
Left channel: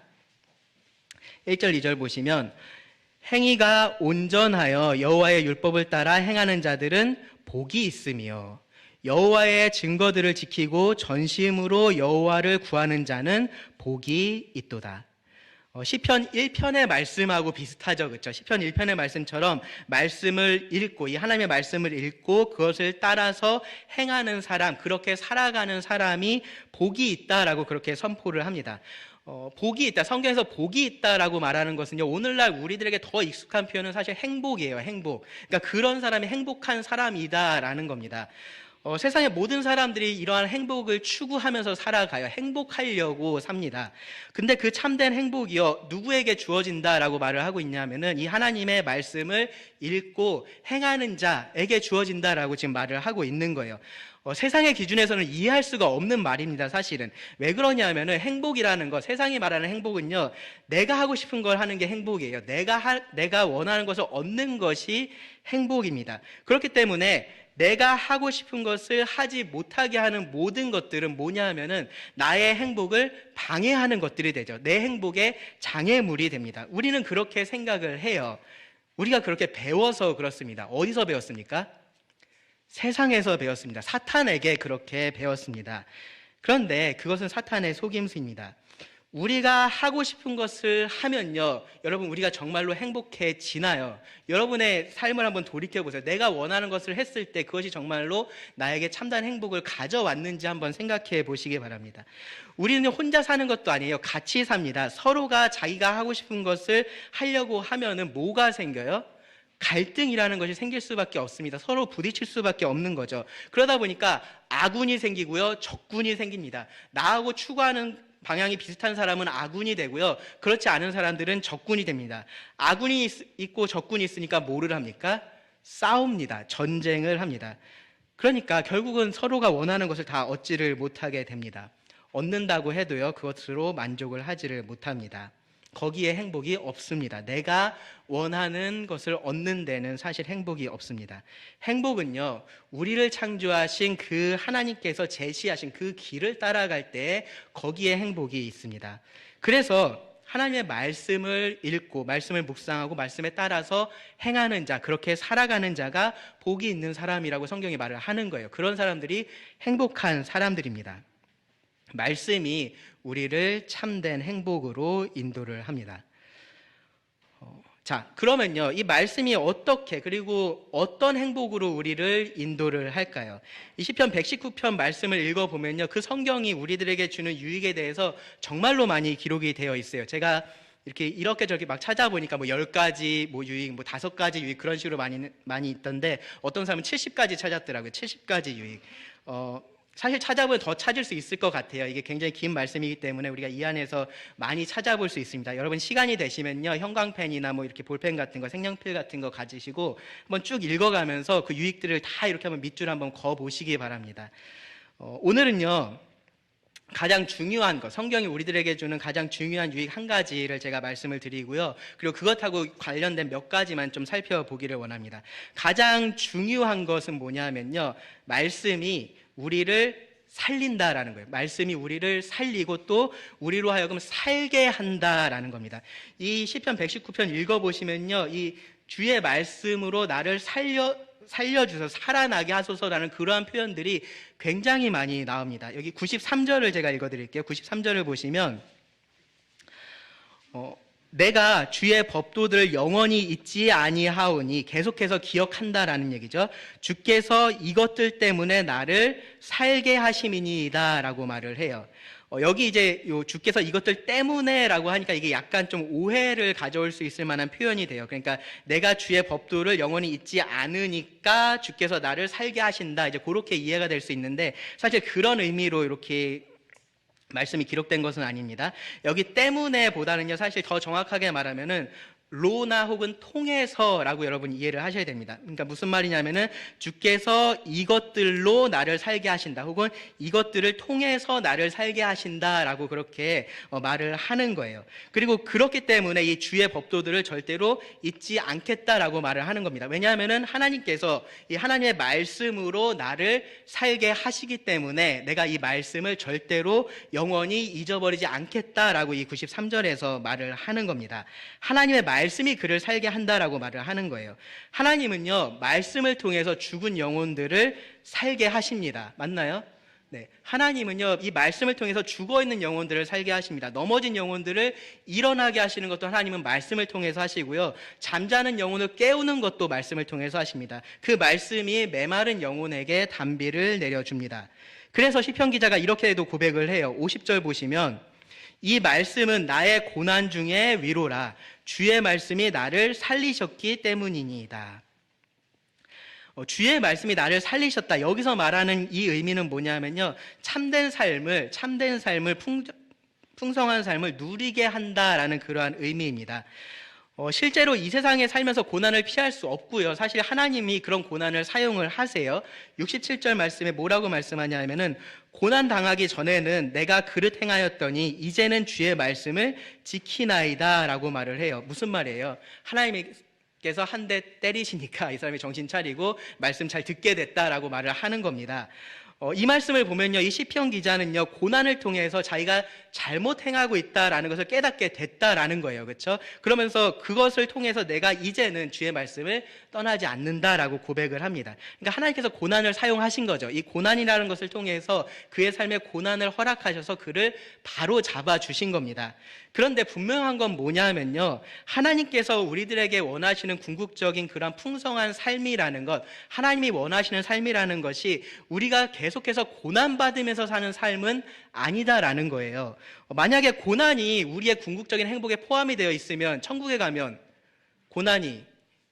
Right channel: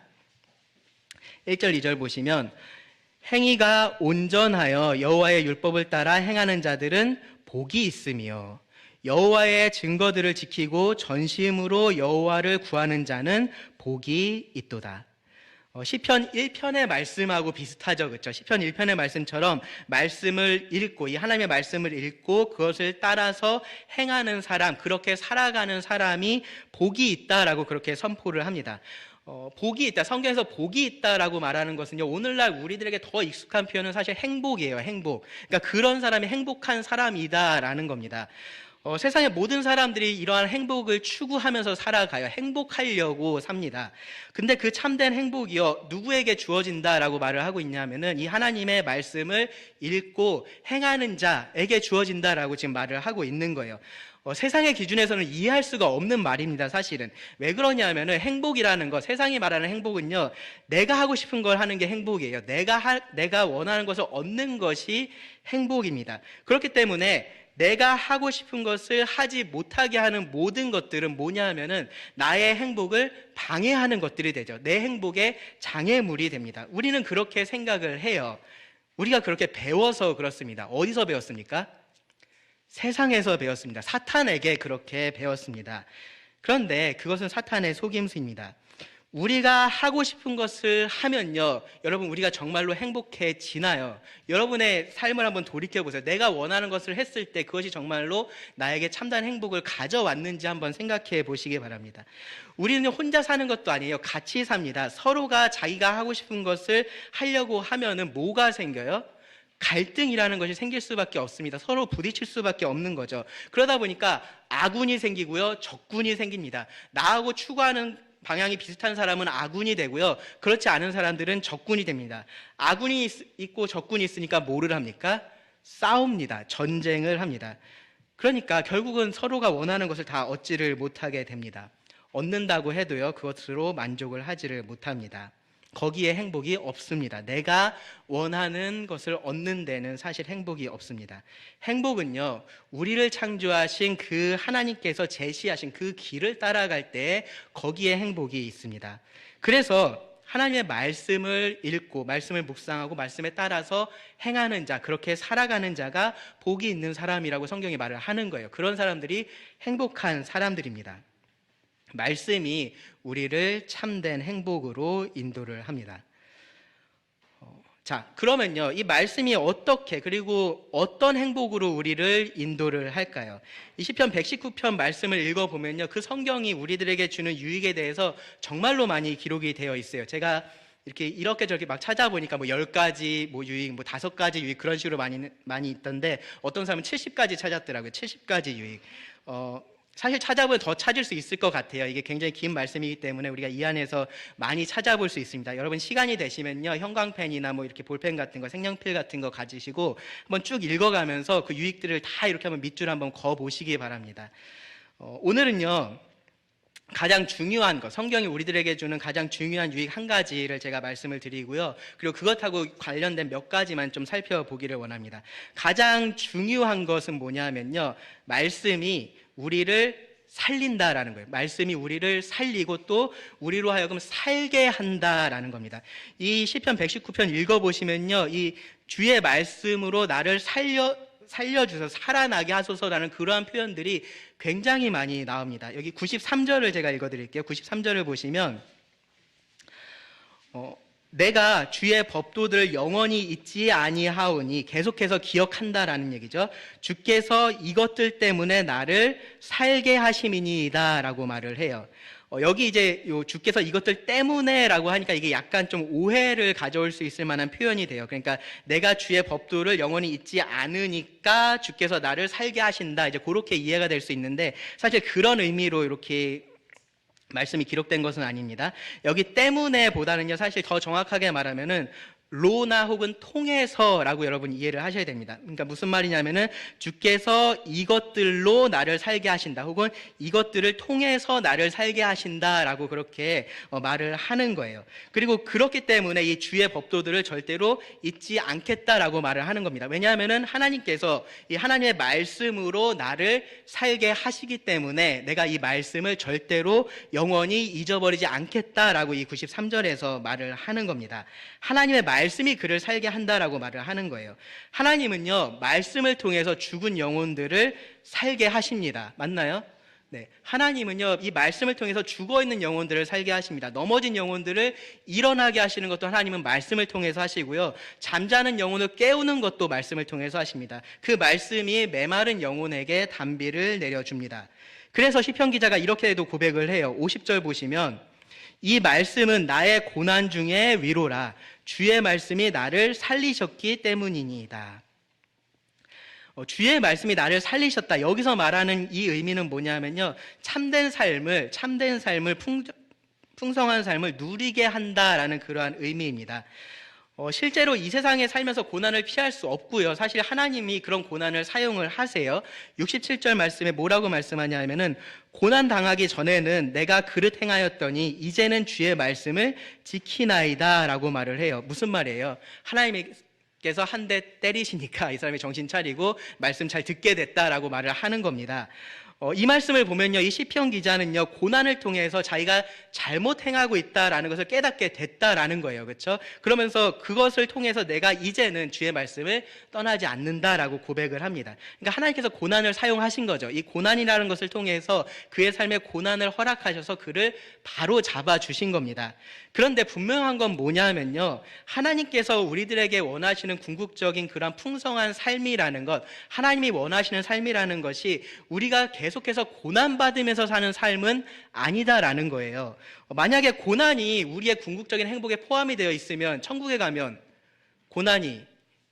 1절, 2절 보시면 행위가 온전하여 여호와의 율법을 따라 행하는 자들은 복이 있으며 여호와의 증거들을 지키고 전심으로 여호와를 구하는 자는 복이 있도다. 시편 1편의 말씀하고 비슷하죠, 그렇죠? 시편 1편의 말씀처럼 말씀을 읽고, 이 하나님의 말씀을 읽고 그것을 따라서 행하는 사람, 그렇게 살아가는 사람이 복이 있다라고 그렇게 선포를 합니다. 복이 있다, 성경에서 복이 있다라고 말하는 것은요, 오늘날 우리들에게 더 익숙한 표현은 사실 행복이에요. 행복. 그러니까 그런 사람이 행복한 사람이다라는 겁니다. 세상의 모든 사람들이 이러한 행복을 추구하면서 살아가요. 행복하려고 삽니다. 근데 그 참된 행복이요, 누구에게 주어진다라고 말을 하고 있냐면은 이 하나님의 말씀을 읽고 행하는 자에게 주어진다라고 지금 말을 하고 있는 거예요. 세상의 기준에서는 이해할 수가 없는 말입니다, 사실은. 왜 그러냐면은 행복이라는 것, 세상이 말하는 행복은요, 내가 하고 싶은 걸 하는 게 행복이에요. 내가 원하는 것을 얻는 것이 행복입니다. 그렇기 때문에 내가 하고 싶은 것을 하지 못하게 하는 모든 것들은 뭐냐 하면은 나의 행복을 방해하는 것들이 되죠. 내 행복의 장애물이 됩니다. 우리는 그렇게 생각을 해요. 우리가 그렇게 배워서 그렇습니다. 어디서 배웠습니까? 세상에서 배웠습니다. 사탄에게 그렇게 배웠습니다. 그런데 그것은 사탄의 속임수입니다. 우리가 하고 싶은 것을 하면요, 여러분, 우리가 정말로 행복해지나요? 여러분의 삶을 한번 돌이켜보세요. 내가 원하는 것을 했을 때 그것이 정말로 나에게 참다한 행복을 가져왔는지 한번 생각해 보시기 바랍니다. 우리는 혼자 사는 것도 아니에요. 같이 삽니다. 서로가 자기가 하고 싶은 것을 하려고 하면은 뭐가 생겨요? 갈등이라는 것이 생길 수밖에 없습니다. 서로 부딪힐 수밖에 없는 거죠. 그러다 보니까 아군이 생기고요, 적군이 생깁니다. 나하고 추구하는 방향이 비슷한 사람은 아군이 되고요, 그렇지 않은 사람들은 적군이 됩니다. 아군이 있고 적군이 있으니까 뭐를 합니까? 싸웁니다. 전쟁을 합니다. 그러니까 결국은 서로가 원하는 것을 다 얻지를 못하게 됩니다. 얻는다고 해도요, 그것으로 만족을 하지를 못합니다. 거기에 행복이 없습니다. 내가 원하는 것을 얻는 데는 사실 행복이 없습니다. 행복은요, 우리를 창조하신 그 하나님께서 제시하신 그 길을 따라갈 때 거기에 행복이 있습니다. 그래서 하나님의 말씀을 읽고 말씀을 묵상하고 말씀에 따라서 행하는 자, 그렇게 살아가는 자가 복이 있는 사람이라고 성경이 말을 하는 거예요. 그런 사람들이 행복한 사람들입니다. 말씀이 우리를 참된 행복으로 인도를 합니다. 자, 그러면요, 이 말씀이 어떻게, 그리고 어떤 행복으로 우리를 인도를 할까요? 이 시편 119편 말씀을 읽어보면요, 그 성경이 우리들에게 주는 유익에 대해서 정말로 많이 기록이 되어 있어요. 제가 이렇게 저렇게 막 찾아보니까 뭐 10가지 뭐 유익, 뭐 5가지 유익 그런 식으로 많이 있던데, 어떤 사람은 70가지 찾았더라고요. 70가지 유익. 사실 찾아보면 더 찾을 수 있을 것 같아요. 이게 굉장히 긴 말씀이기 때문에 우리가 이 안에서 많이 찾아볼 수 있습니다. 여러분 시간이 되시면요, 형광펜이나 뭐 이렇게 볼펜 같은 거, 색연필 같은 거 가지시고 한번 쭉 읽어가면서 그 유익들을 다 이렇게 한번 밑줄 한번 그어 보시기 바랍니다. 오늘은요, 가장 중요한 것, 성경이 우리들에게 주는 가장 중요한 유익 한 가지를 제가 말씀을 드리고요, 그리고 그것하고 관련된 몇 가지만 좀 살펴보기를 원합니다. 가장 중요한 것은 뭐냐면요, 말씀이 우리를 살린다라는 거예요. 말씀이 우리를 살리고 또 우리로 하여금 살게 한다라는 겁니다. 이 시편 119편 읽어보시면요, 이 주의 말씀으로 나를 살려주셔서 살아나게 하소서라는 그러한 표현들이 굉장히 많이 나옵니다. 여기 93절을 제가 읽어드릴게요. 93절을 보시면 내가 주의 법도들을 영원히 잊지 아니하오니, 계속해서 기억한다라는 얘기죠. 주께서 이것들 때문에 나를 살게 하심이니이다 라고 말을 해요. 여기 이제 주께서 이것들 때문에라고 하니까 이게 약간 좀 오해를 가져올 수 있을 만한 표현이 돼요. 그러니까 내가 주의 법도를 영원히 잊지 않으니까 주께서 나를 살게 하신다, 이제 그렇게 이해가 될 수 있는데, 사실 그런 의미로 이렇게 말씀이 기록된 것은 아닙니다. 여기 때문에 보다는요, 사실 더 정확하게 말하면은 로나 혹은 통해서라고 여러분 이해를 하셔야 됩니다. 그러니까 무슨 말이냐면은 주께서 이것들로 나를 살게 하신다, 혹은 이것들을 통해서 나를 살게 하신다라고 그렇게 말을 하는 거예요. 그리고 그렇기 때문에 이 주의 법도들을 절대로 잊지 않겠다라고 말을 하는 겁니다. 왜냐하면은 하나님께서 이 하나님의 말씀으로 나를 살게 하시기 때문에 내가 이 말씀을 절대로 영원히 잊어버리지 않겠다라고 이 93절에서 말을 하는 겁니다. 하나님의 말씀이 그를 살게 한다라고 말을 하는 거예요. 하나님은요, 말씀을 통해서 죽은 영혼들을 살게 하십니다. 맞나요? 네. 하나님은요, 이 말씀을 통해서 죽어있는 영혼들을 살게 하십니다. 넘어진 영혼들을 일어나게 하시는 것도 하나님은 말씀을 통해서 하시고요, 잠자는 영혼을 깨우는 것도 말씀을 통해서 하십니다. 그 말씀이 메마른 영혼에게 단비를 내려줍니다. 그래서 시편 기자가 이렇게도 고백을 해요. 50절 보시면, 이 말씀은 나의 고난 중에 위로라. 주의 말씀이 나를 살리셨기 때문이니이다. 주의 말씀이 나를 살리셨다. 여기서 말하는 이 의미는 뭐냐면요, 참된 삶을 풍성한 삶을 누리게 한다라는 그러한 의미입니다. 실제로 이 세상에 살면서 고난을 피할 수 없고요, 사실 하나님이 그런 고난을 사용을 하세요. 67절 말씀에 뭐라고 말씀하냐면은, 고난 당하기 전에는 내가 그릇 행하였더니 이제는 주의 말씀을 지키나이다 라고 말을 해요. 무슨 말이에요? 하나님께서 한 대 때리시니까 이 사람이 정신 차리고 말씀 잘 듣게 됐다라고 말을 하는 겁니다. 이 말씀을 보면요, 이 시편 기자는요, 고난을 통해서 자기가 잘못 행하고 있다라는 것을 깨닫게 됐다라는 거예요. 그렇죠? 그러면서 그것을 통해서 내가 이제는 주의 말씀을 떠나지 않는다라고 고백을 합니다. 그러니까 하나님께서 고난을 사용하신 거죠. 이 고난이라는 것을 통해서 그의 삶에 고난을 허락하셔서 그를 바로 잡아 주신 겁니다. 그런데 분명한 건 뭐냐면요, 하나님께서 우리들에게 원하시는 궁극적인 그런 풍성한 삶이라는 것, 하나님이 원하시는 삶이라는 것이 우리가 계속해서 고난받으면서 사는 삶은 아니다라는 거예요. 만약에 고난이 우리의 궁극적인 행복에 포함이 되어 있으면 천국에 가면 고난이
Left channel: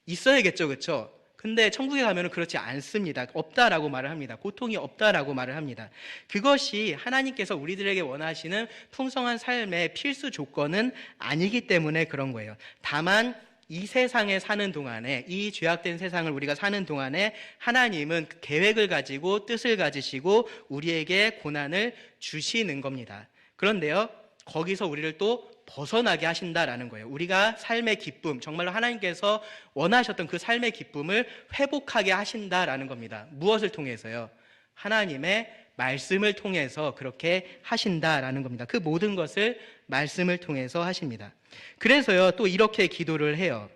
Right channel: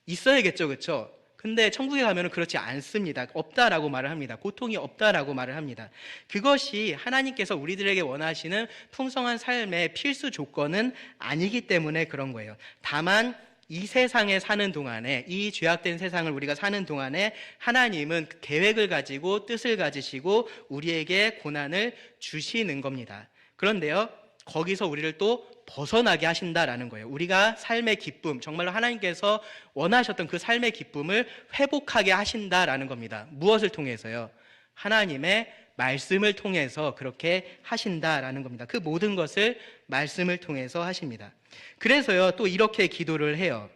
있어야겠죠, 그렇죠? 근데 천국에 가면 그렇지 않습니다. 없다라고 말을 합니다. 고통이 없다라고 말을 합니다. 그것이 하나님께서 우리들에게 원하시는 풍성한 삶의 필수 조건은 아니기 때문에 그런 거예요. 다만 이 세상에 사는 동안에, 이 죄악된 세상을 우리가 사는 동안에 하나님은 계획을 가지고 뜻을 가지시고 우리에게 고난을 주시는 겁니다. 그런데요, 거기서 우리를 또 벗어나게 하신다라는 거예요. 우리가 삶의 기쁨, 정말로 하나님께서 원하셨던 그 삶의 기쁨을 회복하게 하신다라는 겁니다. 무엇을 통해서요? 하나님의 말씀을 통해서 그렇게 하신다라는 겁니다. 그 모든 것을 말씀을 통해서 하십니다. 그래서요, 또 이렇게 기도를 해요.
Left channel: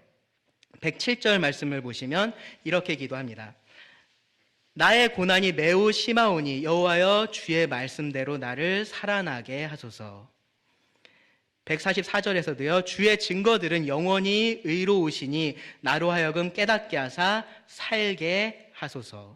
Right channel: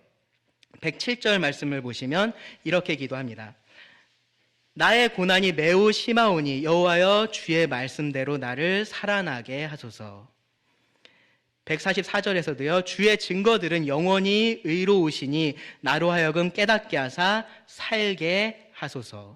107절 말씀을 보시면 이렇게 기도합니다. 나의 고난이 매우 심하오니 여호와여 주의 말씀대로 나를 살아나게 하소서. 144절에서도요. 주의 증거들은 영원히 의로우시니 나로 하여금 깨닫게 하사 살게 하소서.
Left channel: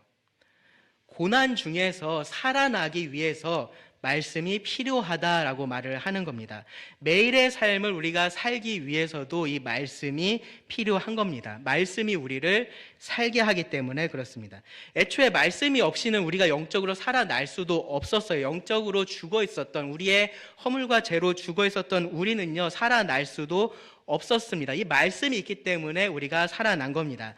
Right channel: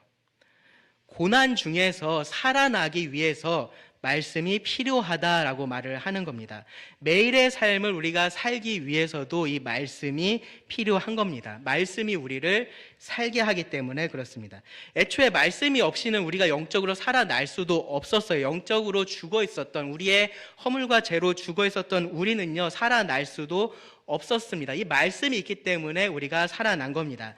고난 중에서 살아나기 위해서 말씀이 필요하다라고 말을 하는 겁니다. 매일의 삶을 우리가 살기 위해서도 이 말씀이 필요한 겁니다. 말씀이 우리를 살게 하기 때문에 그렇습니다. 애초에 말씀이 없이는 우리가 영적으로 살아날 수도 없었어요. 영적으로 죽어 있었던, 우리의 허물과 죄로 죽어 있었던 우리는요, 살아날 수도 없었습니다. 이 말씀이 있기 때문에 우리가 살아난 겁니다.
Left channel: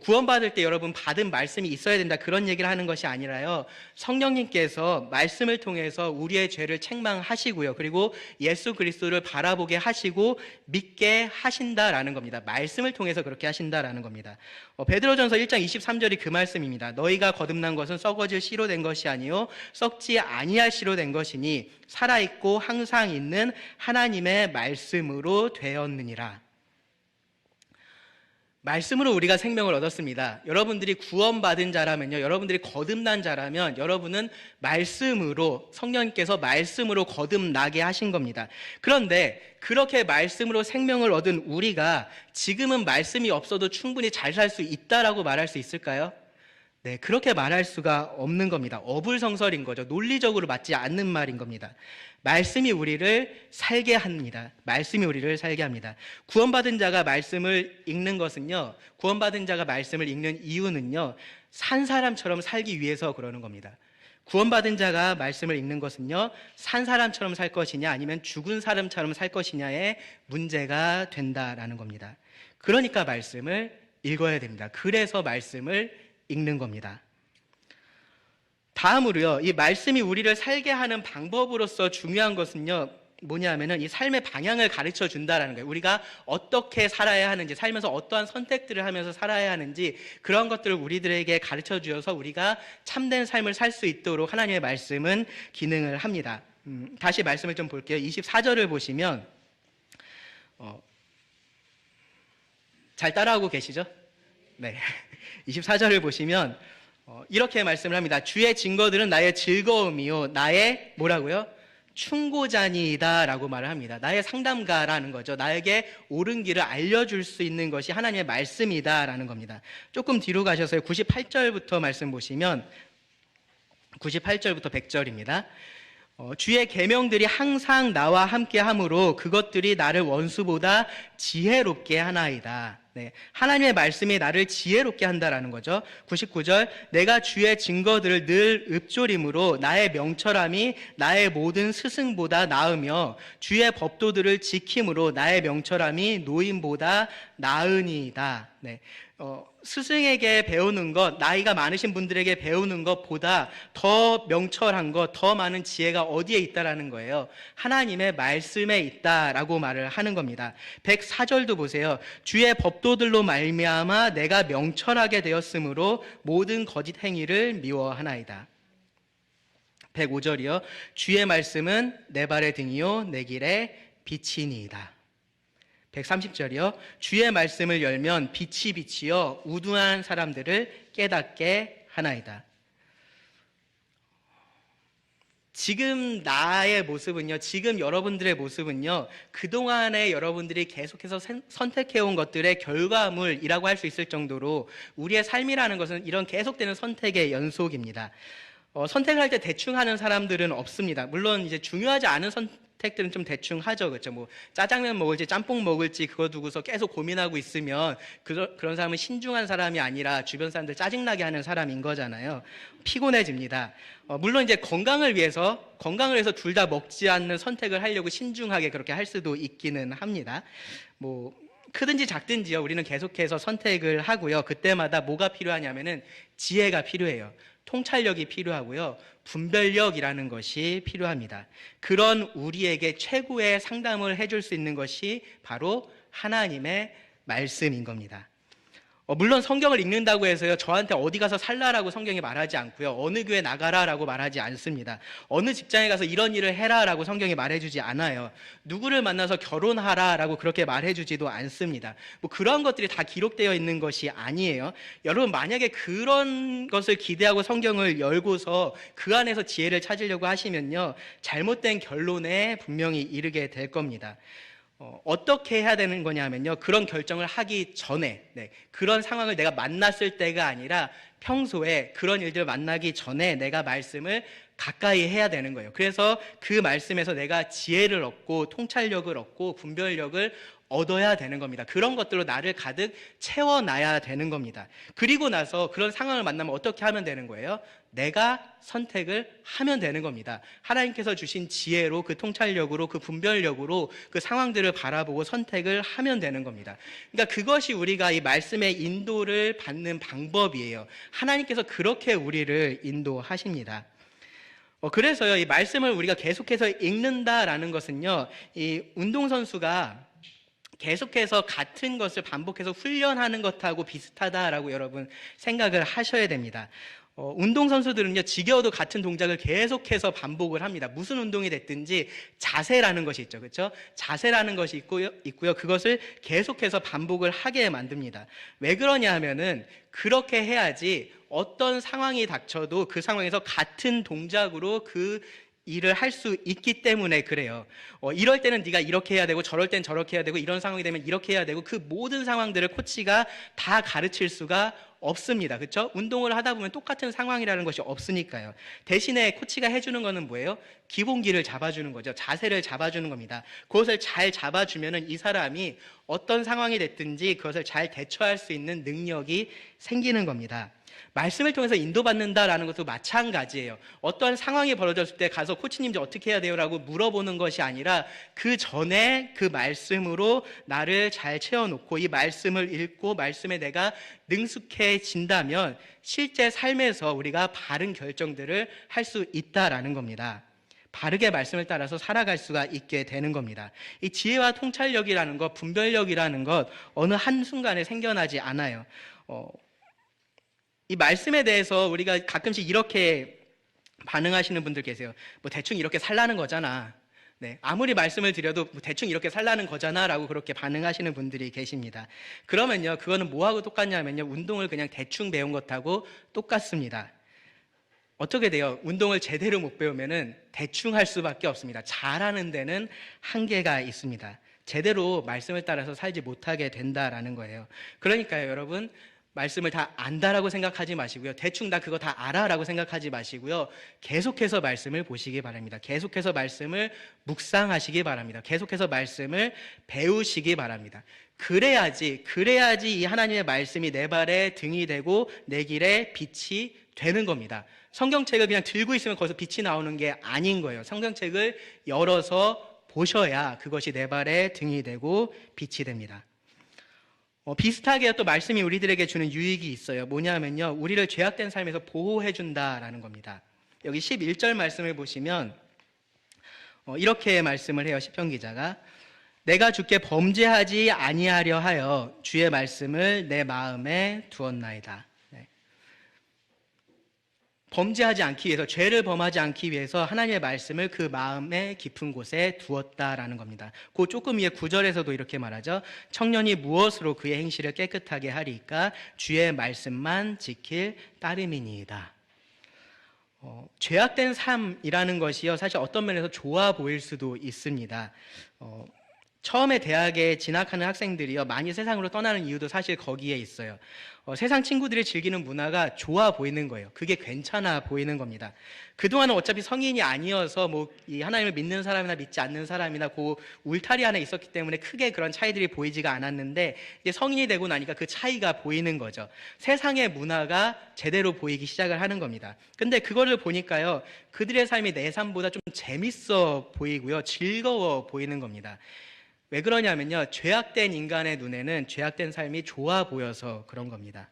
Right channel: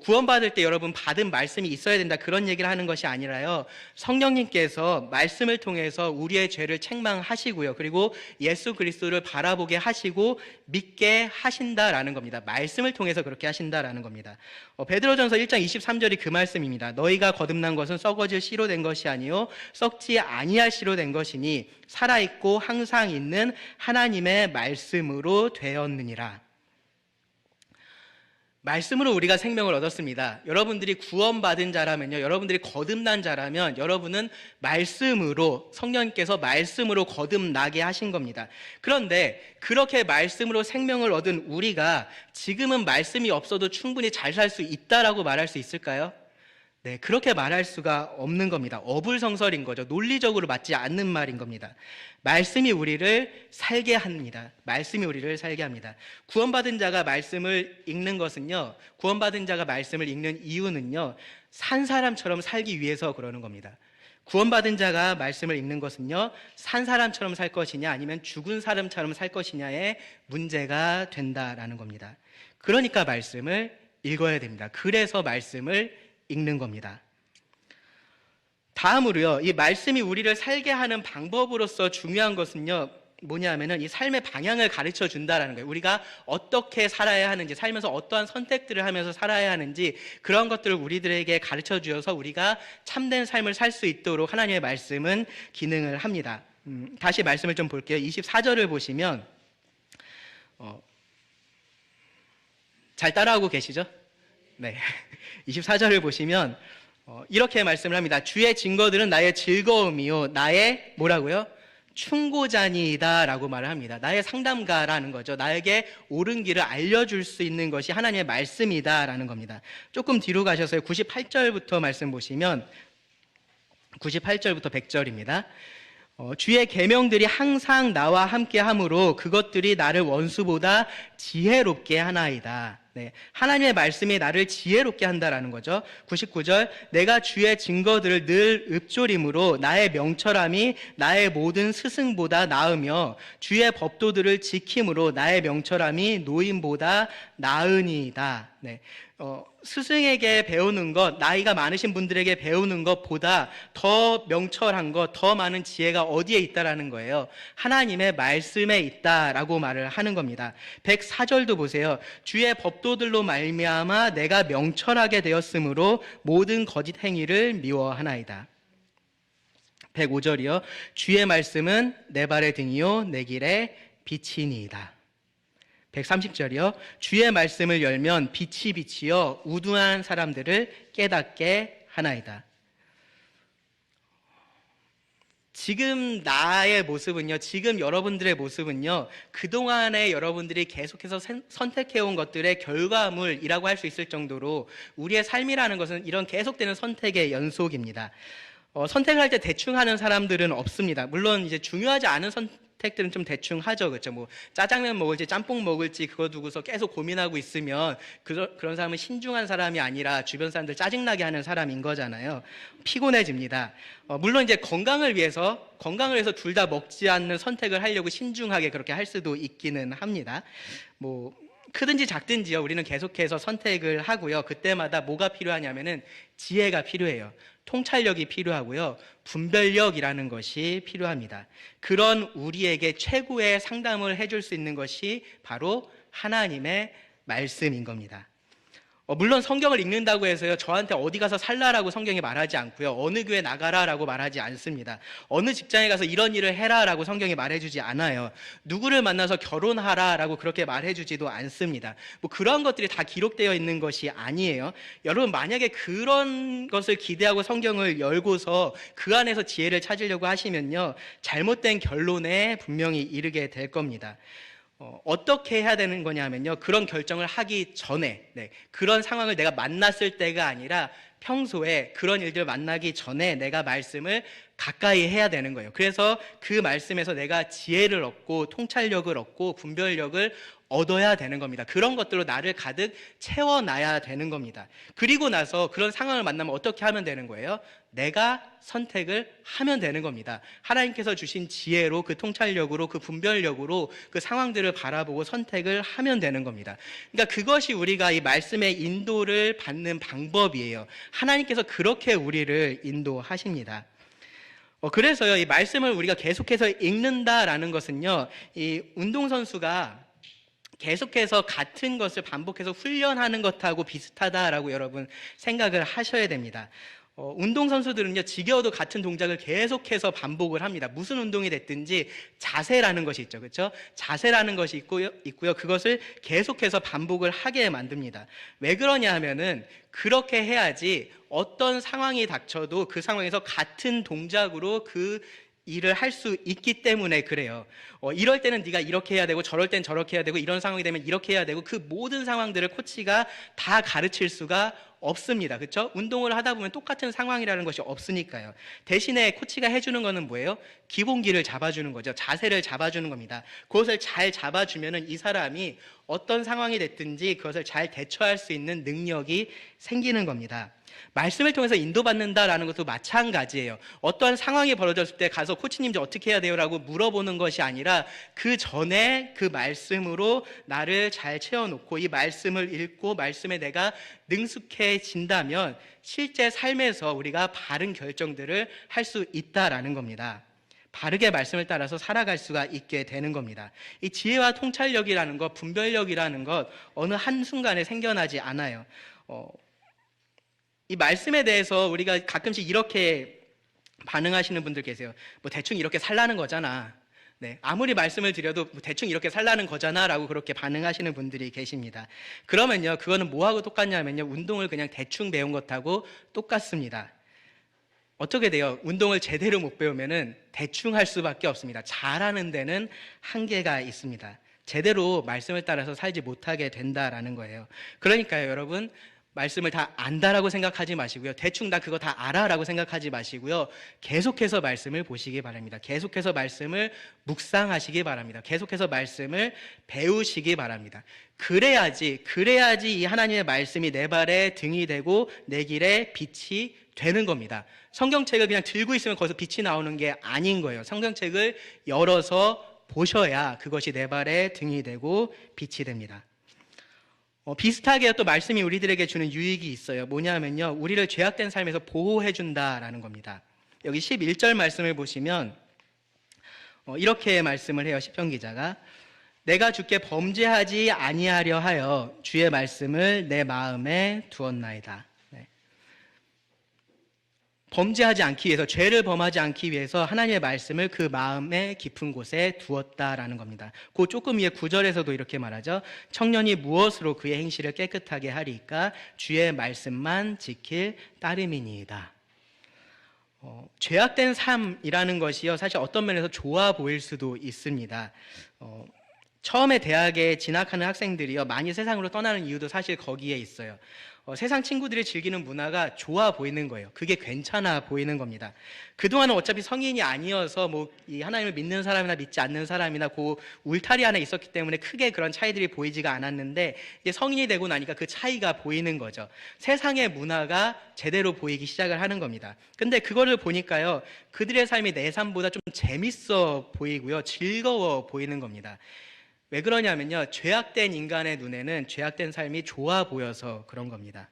구원받을 때 여러분 받은 말씀이 있어야 된다, 그런 얘기를 하는 것이 아니라요, 성령님께서 말씀을 통해서 우리의 죄를 책망하시고요, 그리고 예수 그리스도를 바라보게 하시고 믿게 하신다라는 겁니다. 말씀을 통해서 그렇게 하신다라는 겁니다. 베드로전서 1장 23절이 그 말씀입니다. 너희가 거듭난 것은 썩어질 씨로 된 것이 아니요 썩지 아니할 씨로 된 것이니 살아있고 항상 있는 하나님의 말씀으로 되었느니라. 말씀으로 우리가 생명을 얻었습니다. 여러분들이 구원받은 자라면요, 여러분들이 거듭난 자라면 여러분은 말씀으로, 성령님께서 말씀으로 거듭나게 하신 겁니다. 그런데 그렇게 말씀으로 생명을 얻은 우리가 지금은 말씀이 없어도 충분히 잘 살 수 있다라고 말할 수 있을까요? 네, 그렇게 말할 수가 없는 겁니다. 어불성설인 거죠. 논리적으로 맞지 않는 말인 겁니다. 말씀이 우리를 살게 합니다. 말씀이 우리를 살게 합니다. 구원받은 자가 말씀을 읽는 것은요, 구원받은 자가 말씀을 읽는 이유는요, 산 사람처럼 살기 위해서 그러는 겁니다. 구원받은 자가 말씀을 읽는 것은요, 산 사람처럼 살 것이냐 아니면 죽은 사람처럼 살 것이냐의 문제가 된다라는 겁니다. 그러니까 말씀을 읽어야 됩니다. 그래서 말씀을 읽는 겁니다. 다음으로요, 이 말씀이 우리를 살게 하는 방법으로서 중요한 것은요, 뭐냐면은 이 삶의 방향을 가르쳐 준다라는 거예요. 우리가 어떻게 살아야 하는지, 살면서 어떠한 선택들을 하면서 살아야 하는지, 그런 것들을 우리들에게 가르쳐 주어서 우리가 참된 삶을 살 수 있도록 하나님의 말씀은 기능을 합니다. 다시 말씀을 좀 볼게요. 24절을 보시면 잘 따라하고 계시죠? 네. 24절을 보시면 이렇게 말씀을 합니다. 주의 증거들은 나의 즐거움이요 나의 뭐라고요? 충고자니이다 라고 말을 합니다. 나의 상담가라는 거죠. 나에게 옳은 길을 알려줄 수 있는 것이 하나님의 말씀이다 라는 겁니다. 조금 뒤로 가셔서 98절부터 말씀 보시면 98절부터 100절입니다. 주의 계명들이 항상 나와 함께 함으로 그것들이 나를 원수보다 지혜롭게 하나이다. 네, 하나님의 말씀이 나를 지혜롭게 한다라는 거죠. 99절, 내가 주의 증거들을 늘 읊조림으로 나의 명철함이 나의 모든 스승보다 나으며 주의 법도들을 지킴으로 나의 명철함이 노인보다 나으니이다. 네, 스승에게 배우는 것, 나이가 많으신 분들에게 배우는 것보다 더 명철한 것, 더 많은 지혜가 어디에 있다라는 거예요? 하나님의 말씀에 있다라고 말을 하는 겁니다. 104절도 보세요. 주의 법도들로 말미암아 내가 명철하게 되었으므로 모든 거짓 행위를 미워하나이다. 105절이요. 주의 말씀은 내 발의 등이요 내 길의 빛이니이다. 130절이요. 주의 말씀을 열면 빛이 비치어 우둔한 사람들을 깨닫게 하나이다. 지금 나의 모습은요, 지금 여러분들의 모습은요, 그동안에 여러분들이 계속해서 선택해온 것들의 결과물이라고 할 수 있을 정도로 우리의 삶이라는 것은 이런 계속되는 선택의 연속입니다. 선택할 때 대충 하는 사람들은 없습니다. 물론 이제 중요하지 않은 선택들은 좀 대충 하죠. 그렇죠? 뭐 짜장면 먹을지 짬뽕 먹을지 그거 두고서 계속 고민하고 있으면 그런 사람은 신중한 사람이 아니라 주변 사람들 짜증나게 하는 사람인 거잖아요. 피곤해집니다. 물론 이제 건강을 위해서 둘 다 먹지 않는 선택을 하려고 신중하게 그렇게 할 수도 있기는 합니다. 뭐 크든지 작든지요. 우리는 계속해서 선택을 하고요. 그때마다 뭐가 필요하냐면은 지혜가 필요해요. 통찰력이 필요하고요. 분별력이라는 것이 필요합니다. 그런 우리에게 최고의 상담을 해줄 수 있는 것이 바로 하나님의 말씀인 겁니다. 물론 성경을 읽는다고 해서요, 저한테 어디 가서 살라라고 성경이 말하지 않고요, 어느 교회 나가라라고 말하지 않습니다. 어느 직장에 가서 이런 일을 해라라고 성경이 말해주지 않아요. 누구를 만나서 결혼하라라고 그렇게 말해주지도 않습니다. 뭐 그런 것들이 다 기록되어 있는 것이 아니에요. 여러분, 만약에 그런 것을 기대하고 성경을 열고서 그 안에서 지혜를 찾으려고 하시면요, 잘못된 결론에 분명히 이르게 될 겁니다. 어떻게 해야 되는 거냐면요, 그런 결정을 하기 전에, 그런 상황을 내가 만났을 때가 아니라 평소에 그런 일들을 만나기 전에 내가 말씀을 가까이 해야 되는 거예요. 그래서 그 말씀에서 내가 지혜를 얻고 통찰력을 얻고 분별력을 얻어야 되는 겁니다. 그런 것들로 나를 가득 채워놔야 되는 겁니다. 그리고 나서 그런 상황을 만나면 어떻게 하면 되는 거예요? 내가 선택을 하면 되는 겁니다. 하나님께서 주신 지혜로, 그 통찰력으로, 그 분별력으로 그 상황들을 바라보고 선택을 하면 되는 겁니다. 그러니까 그것이 우리가 이 말씀의 인도를 받는 방법이에요. 하나님께서 그렇게 우리를 인도하십니다. 그래서요, 이 말씀을 우리가 계속해서 읽는다라는 것은요, 이 운동선수가 계속해서 같은 것을 반복해서 훈련하는 것하고 비슷하다라고 여러분 생각을 하셔야 됩니다. 운동선수들은요, 지겨워도 같은 동작을 계속해서 반복을 합니다. 무슨 운동이 됐든지 자세라는 것이 있죠. 그렇죠? 자세라는 것이 있고요. 그것을 계속해서 반복을 하게 만듭니다. 왜 그러냐 하면은 그렇게 해야지 어떤 상황이 닥쳐도 그 상황에서 같은 동작으로 그 일을 할 수 있기 때문에 그래요. 이럴 때는 네가 이렇게 해야 되고 저럴 땐 저렇게 해야 되고 이런 상황이 되면 이렇게 해야 되고 그 모든 상황들을 코치가 다 가르칠 수가 없습니다. 그렇죠? 운동을 하다 보면 똑같은 상황이라는 것이 없으니까요. 대신에 코치가 해주는 거는 뭐예요? 기본기를 잡아주는 거죠. 자세를 잡아주는 겁니다. 그것을 잘 잡아주면은 이 사람이 어떤 상황이 됐든지 그것을 잘 대처할 수 있는 능력이 생기는 겁니다. 말씀을 통해서 인도받는다라는 것도 마찬가지예요. 어떠한 상황이 벌어졌을 때 가서 코치님 이제 어떻게 해야 돼요? 라고 물어보는 것이 아니라 그 전에 그 말씀으로 나를 잘 채워놓고 이 말씀을 읽고 말씀에 내가 능숙해진다면 실제 삶에서 우리가 바른 결정들을 할 수 있다라는 겁니다. 바르게 말씀을 따라서 살아갈 수가 있게 되는 겁니다. 이 지혜와 통찰력이라는 것, 분별력이라는 것 어느 한순간에 생겨나지 않아요. 이 말씀에 대해서 우리가 가끔씩 이렇게 반응하시는 분들 계세요. 뭐 대충 이렇게 살라는 거잖아. 아무리 말씀을 드려도 뭐 대충 이렇게 살라는 거잖아 라고 그렇게 반응하시는 분들이 계십니다. 그러면요, 그거는 뭐하고 똑같냐면요, 운동을 그냥 대충 배운 것하고 똑같습니다. 어떻게 돼요? 운동을 제대로 못 배우면은 대충 할 수밖에 없습니다. 잘하는 데는 한계가 있습니다. 제대로 말씀을 따라서 살지 못하게 된다라는 거예요. 그러니까요, 여러분, 말씀을 다 안다라고 생각하지 마시고요. 대충 다 그거 다 알아라고 생각하지 마시고요. 계속해서 말씀을 보시기 바랍니다. 계속해서 말씀을 묵상하시기 바랍니다. 계속해서 말씀을 배우시기 바랍니다. 그래야지 이 하나님의 말씀이 내 발에 등이 되고 내 길에 빛이 되는 겁니다. 성경책을 그냥 들고 있으면 거기서 빛이 나오는 게 아닌 거예요. 성경책을 열어서 보셔야 그것이 내 발에 등이 되고 빛이 됩니다. 비슷하게 또 말씀이 우리들에게 주는 유익이 있어요. 뭐냐면요, 우리를 죄악된 삶에서 보호해준다라는 겁니다. 여기 11절 말씀을 보시면 이렇게 말씀을 해요. 시편 기자가 내가 주께 범죄하지 아니하려 하여 주의 말씀을 내 마음에 두었나이다. 범죄하지 않기 위해서, 죄를 범하지 않기 위해서 하나님의 말씀을 그 마음의 깊은 곳에 두었다라는 겁니다. 그 조금 위에 9절에서도 이렇게 말하죠. 청년이 무엇으로 그의 행실을 깨끗하게 하리까? 주의 말씀만 지킬 따름이니이다. 죄악된 삶이라는 것이요, 사실 어떤 면에서 좋아 보일 수도 있습니다. 처음에 대학에 진학하는 학생들이요, 많이 세상으로 떠나는 이유도 사실 거기에 있어요. 세상 친구들이 즐기는 문화가 좋아 보이는 거예요. 그게 괜찮아 보이는 겁니다. 그동안은 어차피 성인이 아니어서 이 하나님을 믿는 사람이나 믿지 않는 사람이나 그 울타리 안에 있었기 때문에 크게 그런 차이들이 보이지가 않았는데, 이제 성인이 되고 나니까 그 차이가 보이는 거죠. 세상의 문화가 제대로 보이기 시작을 하는 겁니다. 근데 그거를 보니까요, 그들의 삶이 내 삶보다 좀 재밌어 보이고요, 즐거워 보이는 겁니다. 왜 그러냐면요, 죄악된 인간의 눈에는 죄악된 삶이 좋아 보여서 그런 겁니다.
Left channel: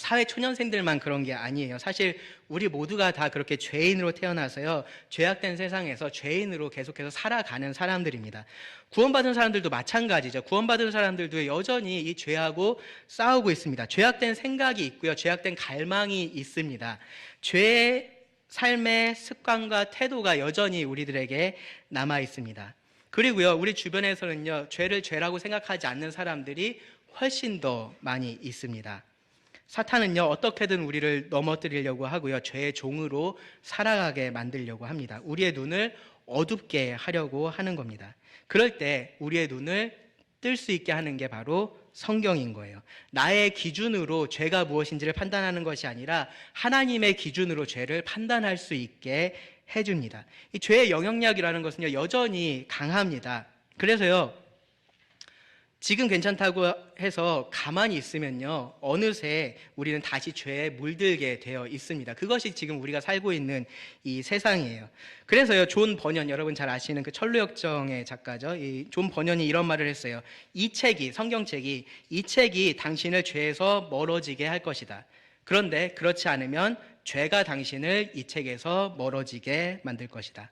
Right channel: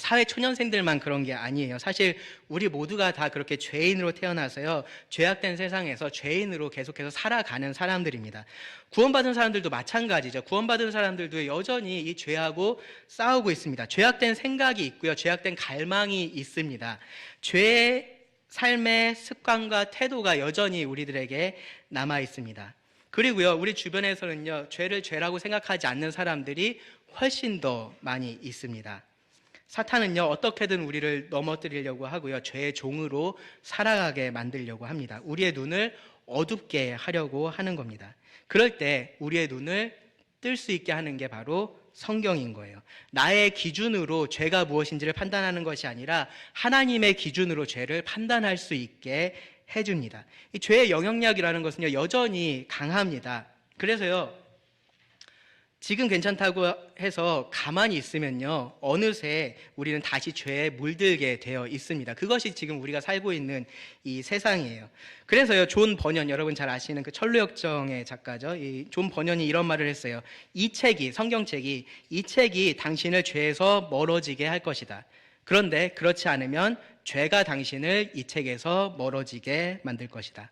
사회 초년생들만 그런 게 아니에요. 사실 우리 모두가 다 그렇게 죄인으로 태어나서요, 죄악된 세상에서 죄인으로 계속해서 살아가는 사람들입니다. 구원받은 사람들도 마찬가지죠. 구원받은 사람들도 여전히 이 죄하고 싸우고 있습니다. 죄악된 생각이 있고요, 죄악된 갈망이 있습니다. 죄의 삶의 습관과 태도가 여전히 우리들에게 남아 있습니다. 그리고요, 우리 주변에서는요, 죄를 죄라고 생각하지 않는 사람들이 훨씬 더 많이 있습니다. 사탄은요, 어떻게든 우리를 넘어뜨리려고 하고요, 죄의 종으로 살아가게 만들려고 합니다. 우리의 눈을 어둡게 하려고 하는 겁니다. 그럴 때 우리의 눈을 뜰 수 있게 하는 게 바로 성경인 거예요. 나의 기준으로 죄가 무엇인지를 판단하는 것이 아니라 하나님의 기준으로 죄를 판단할 수 있게 해줍니다. 이 죄의 영향력이라는 것은요, 여전히 강합니다. 그래서요, 지금 괜찮다고 해서 가만히 있으면요, 어느새 우리는 다시 죄에 물들게 되어 있습니다. 그것이 지금 우리가 살고 있는 이 세상이에요. 그래서요, 존 버년, 여러분 잘 아시는 그 천루역정의 작가죠. 이 존 버년이 이런 말을 했어요. 이 책이, 성경책이, 이 책이 당신을 죄에서 멀어지게 할 것이다. 그런데 그렇지 않으면 죄가 당신을 이 책에서 멀어지게 만들 것이다.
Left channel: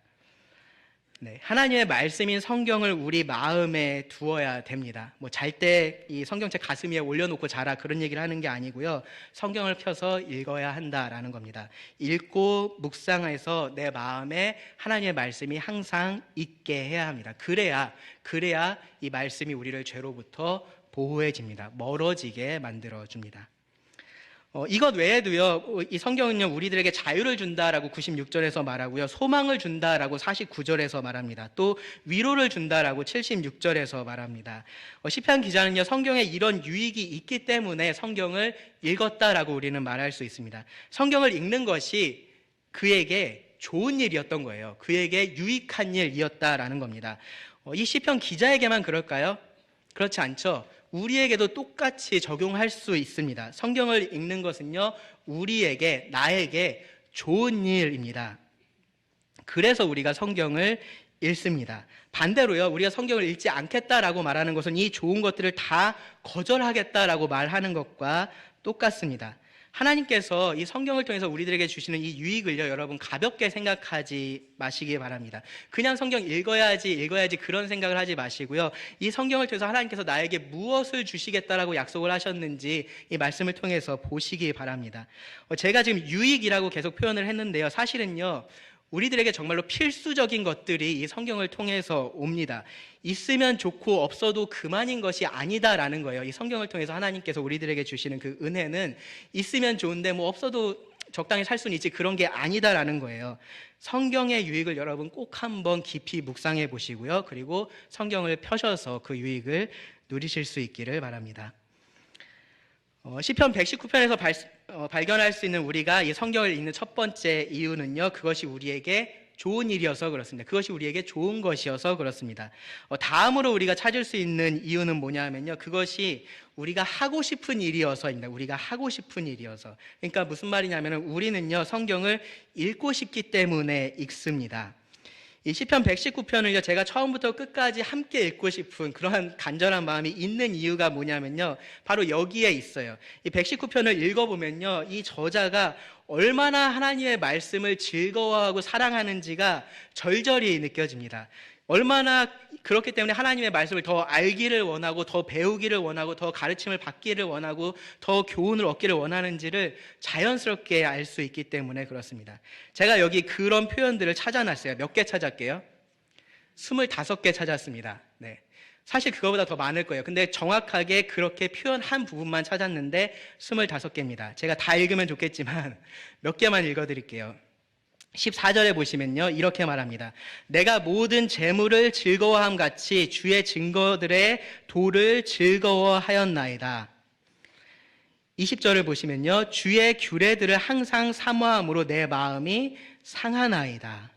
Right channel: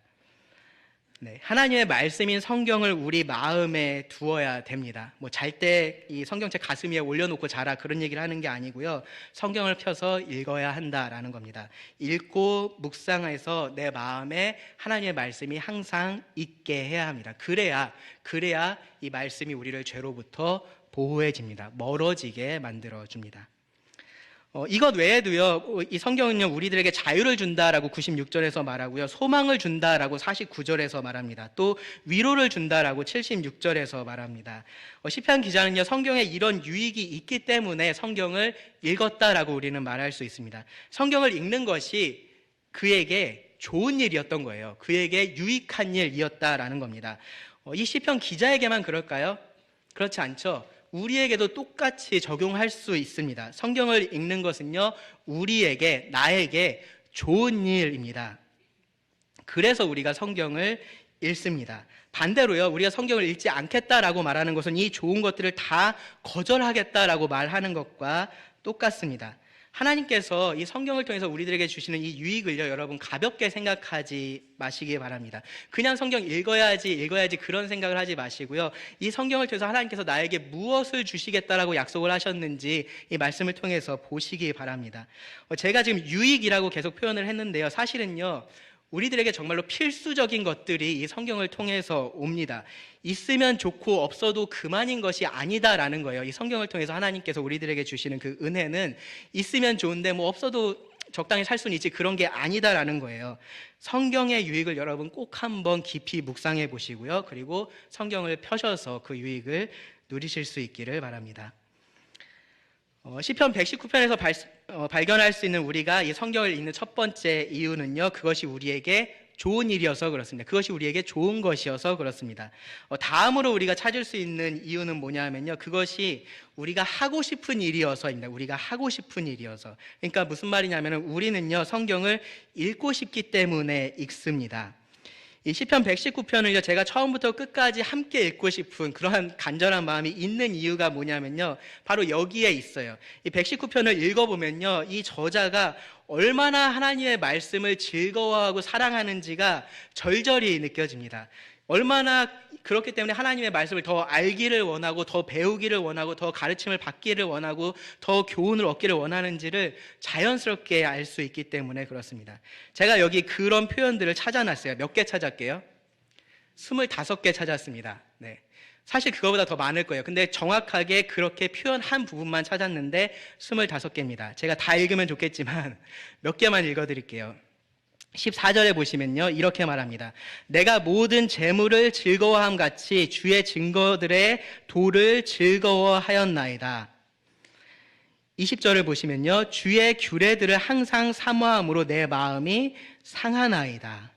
네, 하나님의 말씀인 성경을 우리 마음에 두어야 됩니다. 잘 때 이 성경책 가슴 위에 올려놓고 자라, 그런 얘기를 하는 게 아니고요, 성경을 펴서 읽어야 한다라는 겁니다. 읽고 묵상해서 내 마음에 하나님의 말씀이 항상 있게 해야 합니다. 그래야 이 말씀이 우리를 죄로부터 보호해집니다. 멀어지게 만들어줍니다. 이것 외에도요, 이 성경은요, 우리들에게 자유를 준다라고 96절에서 말하고요, 소망을 준다라고 49절에서 말합니다. 또 위로를 준다라고 76절에서 말합니다. 시편 기자는요, 성경에 이런 유익이 있기 때문에 성경을 읽었다라고 우리는 말할 수 있습니다. 성경을 읽는 것이 그에게 좋은 일이었던 거예요. 그에게 유익한 일이었다라는 겁니다. 이 시편 기자에게만 그럴까요? 그렇지 않죠. 우리에게도 똑같이 적용할 수 있습니다. 성경을 읽는 것은요, 우리에게, 나에게 좋은 일입니다. 그래서 우리가 성경을 읽습니다. 반대로요, 우리가 성경을 읽지 않겠다라고 말하는 것은 이 좋은 것들을 다 거절하겠다라고 말하는 것과 똑같습니다. 하나님께서 이 성경을 통해서 우리들에게 주시는 이 유익을요, 여러분 가볍게 생각하지 마시기 바랍니다. 그냥 성경 읽어야지 그런 생각을 하지 마시고요, 이 성경을 통해서 하나님께서 나에게 무엇을 주시겠다라고 약속을 하셨는지 이 말씀을 통해서 보시기 바랍니다. 제가 지금 유익이라고 계속 표현을 했는데요, 사실은요, 우리들에게 정말로 필수적인 것들이 이 성경을 통해서 옵니다. 있으면 좋고 없어도 그만인 것이 아니다라는 거예요. 이 성경을 통해서 하나님께서 우리들에게 주시는 그 은혜는 있으면 좋은데 없어도 적당히 살 수는 있지, 그런 게 아니다라는 거예요. 성경의 유익을 여러분 꼭 한번 깊이 묵상해 보시고요, 그리고 성경을 펴셔서 그 유익을 누리실 수 있기를 바랍니다. 시편 119편에서 발견할 수 있는 우리가 이 성경을 읽는 첫 번째 이유는요, 그것이 우리에게 좋은 일이어서 그렇습니다. 그것이 우리에게 좋은 것이어서 그렇습니다. 다음으로 우리가 찾을 수 있는 이유는 뭐냐면요, 그것이 우리가 하고 싶은 일이어서입니다. 우리가 하고 싶은 일이어서. 그러니까 무슨 말이냐면, 우리는요, 성경을 읽고 싶기 때문에 읽습니다. 이 시편 119편을요, 제가 처음부터 끝까지 함께 읽고 싶은 그러한 간절한 마음이 있는 이유가 뭐냐면요, 바로 여기에 있어요. 이 119편을 읽어보면요, 이 저자가 얼마나 하나님의 말씀을 즐거워하고 사랑하는지가 절절히 느껴집니다. 얼마나 그렇기 때문에 하나님의 말씀을 더 알기를 원하고 더 배우기를 원하고 더 가르침을 받기를 원하고 더 교훈을 얻기를 원하는지를 자연스럽게 알 수 있기 때문에 그렇습니다. 제가 여기 그런 표현들을 찾아놨어요. 몇 개 찾았게요? 25개 찾았습니다. 네. 사실 그거보다 더 많을 거예요. 근데 정확하게 그렇게 표현한 부분만 찾았는데 25개입니다. 제가 다 읽으면 좋겠지만 몇 개만 읽어드릴게요. 14절에 보시면요, 이렇게 말합니다. 내가 모든 재물을 즐거워함 같이 주의 증거들의 도를 즐거워하였나이다. 20절을 보시면요, 주의 규례들을 항상 사모함으로 내 마음이 상하나이다.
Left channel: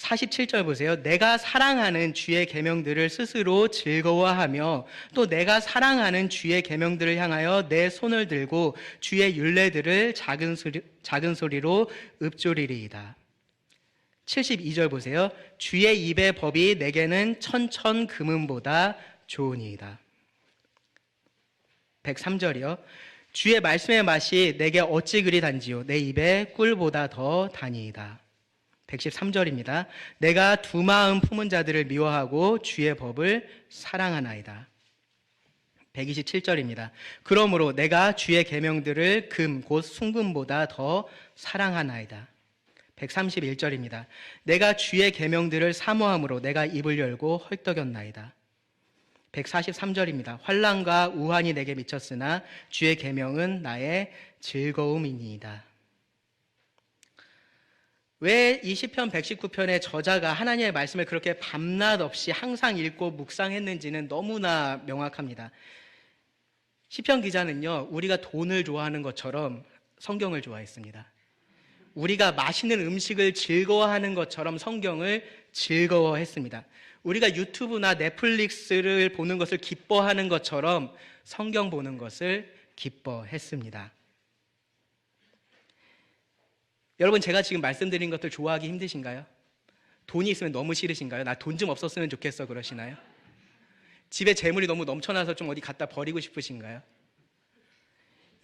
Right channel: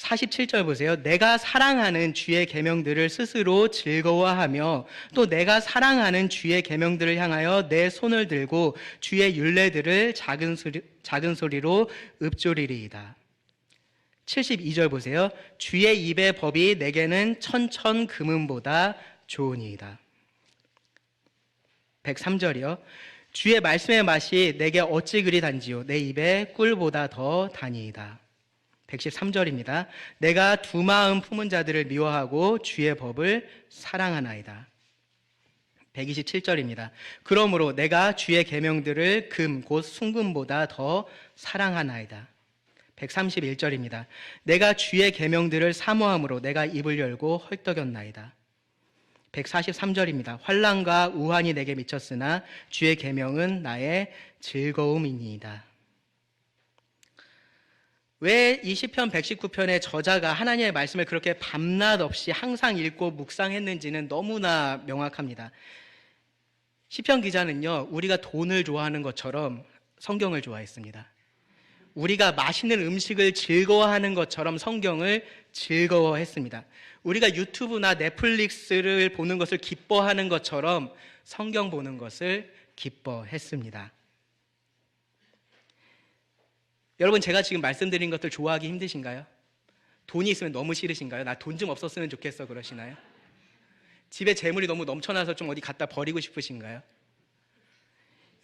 47절 보세요. 내가 사랑하는 주의 계명들을 스스로 즐거워하며 또 내가 사랑하는 주의 계명들을 향하여 내 손을 들고 주의 율례들을 작은 소리로 읊조리리이다. 72절 보세요. 주의 입의 법이 내게는 천천 금은보다 좋으니이다. 103절이요. 주의 말씀의 맛이 내게 어찌 그리 단지요 내 입에 꿀보다 더 다니이다. 113절입니다. 내가 두 마음 품은 자들을 미워하고 주의 법을 사랑하나이다. 127절입니다. 그러므로 내가 주의 계명들을 금 곧 순금보다 더 사랑하나이다. 131절입니다. 내가 주의 계명들을 사모함으로 내가 입을 열고 헐떡였나이다. 143절입니다. 환난과 우환이 내게 미쳤으나 주의 계명은 나의 즐거움이니이다. 왜 이 시편 119편의 저자가 하나님의 말씀을 그렇게 밤낮 없이 항상 읽고 묵상했는지는 너무나 명확합니다. 시편 기자는요, 우리가 돈을 좋아하는 것처럼 성경을 좋아했습니다. 우리가 맛있는 음식을 즐거워하는 것처럼 성경을 즐거워했습니다. 우리가 유튜브나 넷플릭스를 보는 것을 기뻐하는 것처럼 성경 보는 것을 기뻐했습니다. 여러분, 제가 지금 말씀드린 것들 좋아하기 힘드신가요? 돈이 있으면 너무 싫으신가요? 나 돈 좀 없었으면 좋겠어 그러시나요? 집에 재물이 너무 넘쳐나서 좀 어디 갖다 버리고 싶으신가요?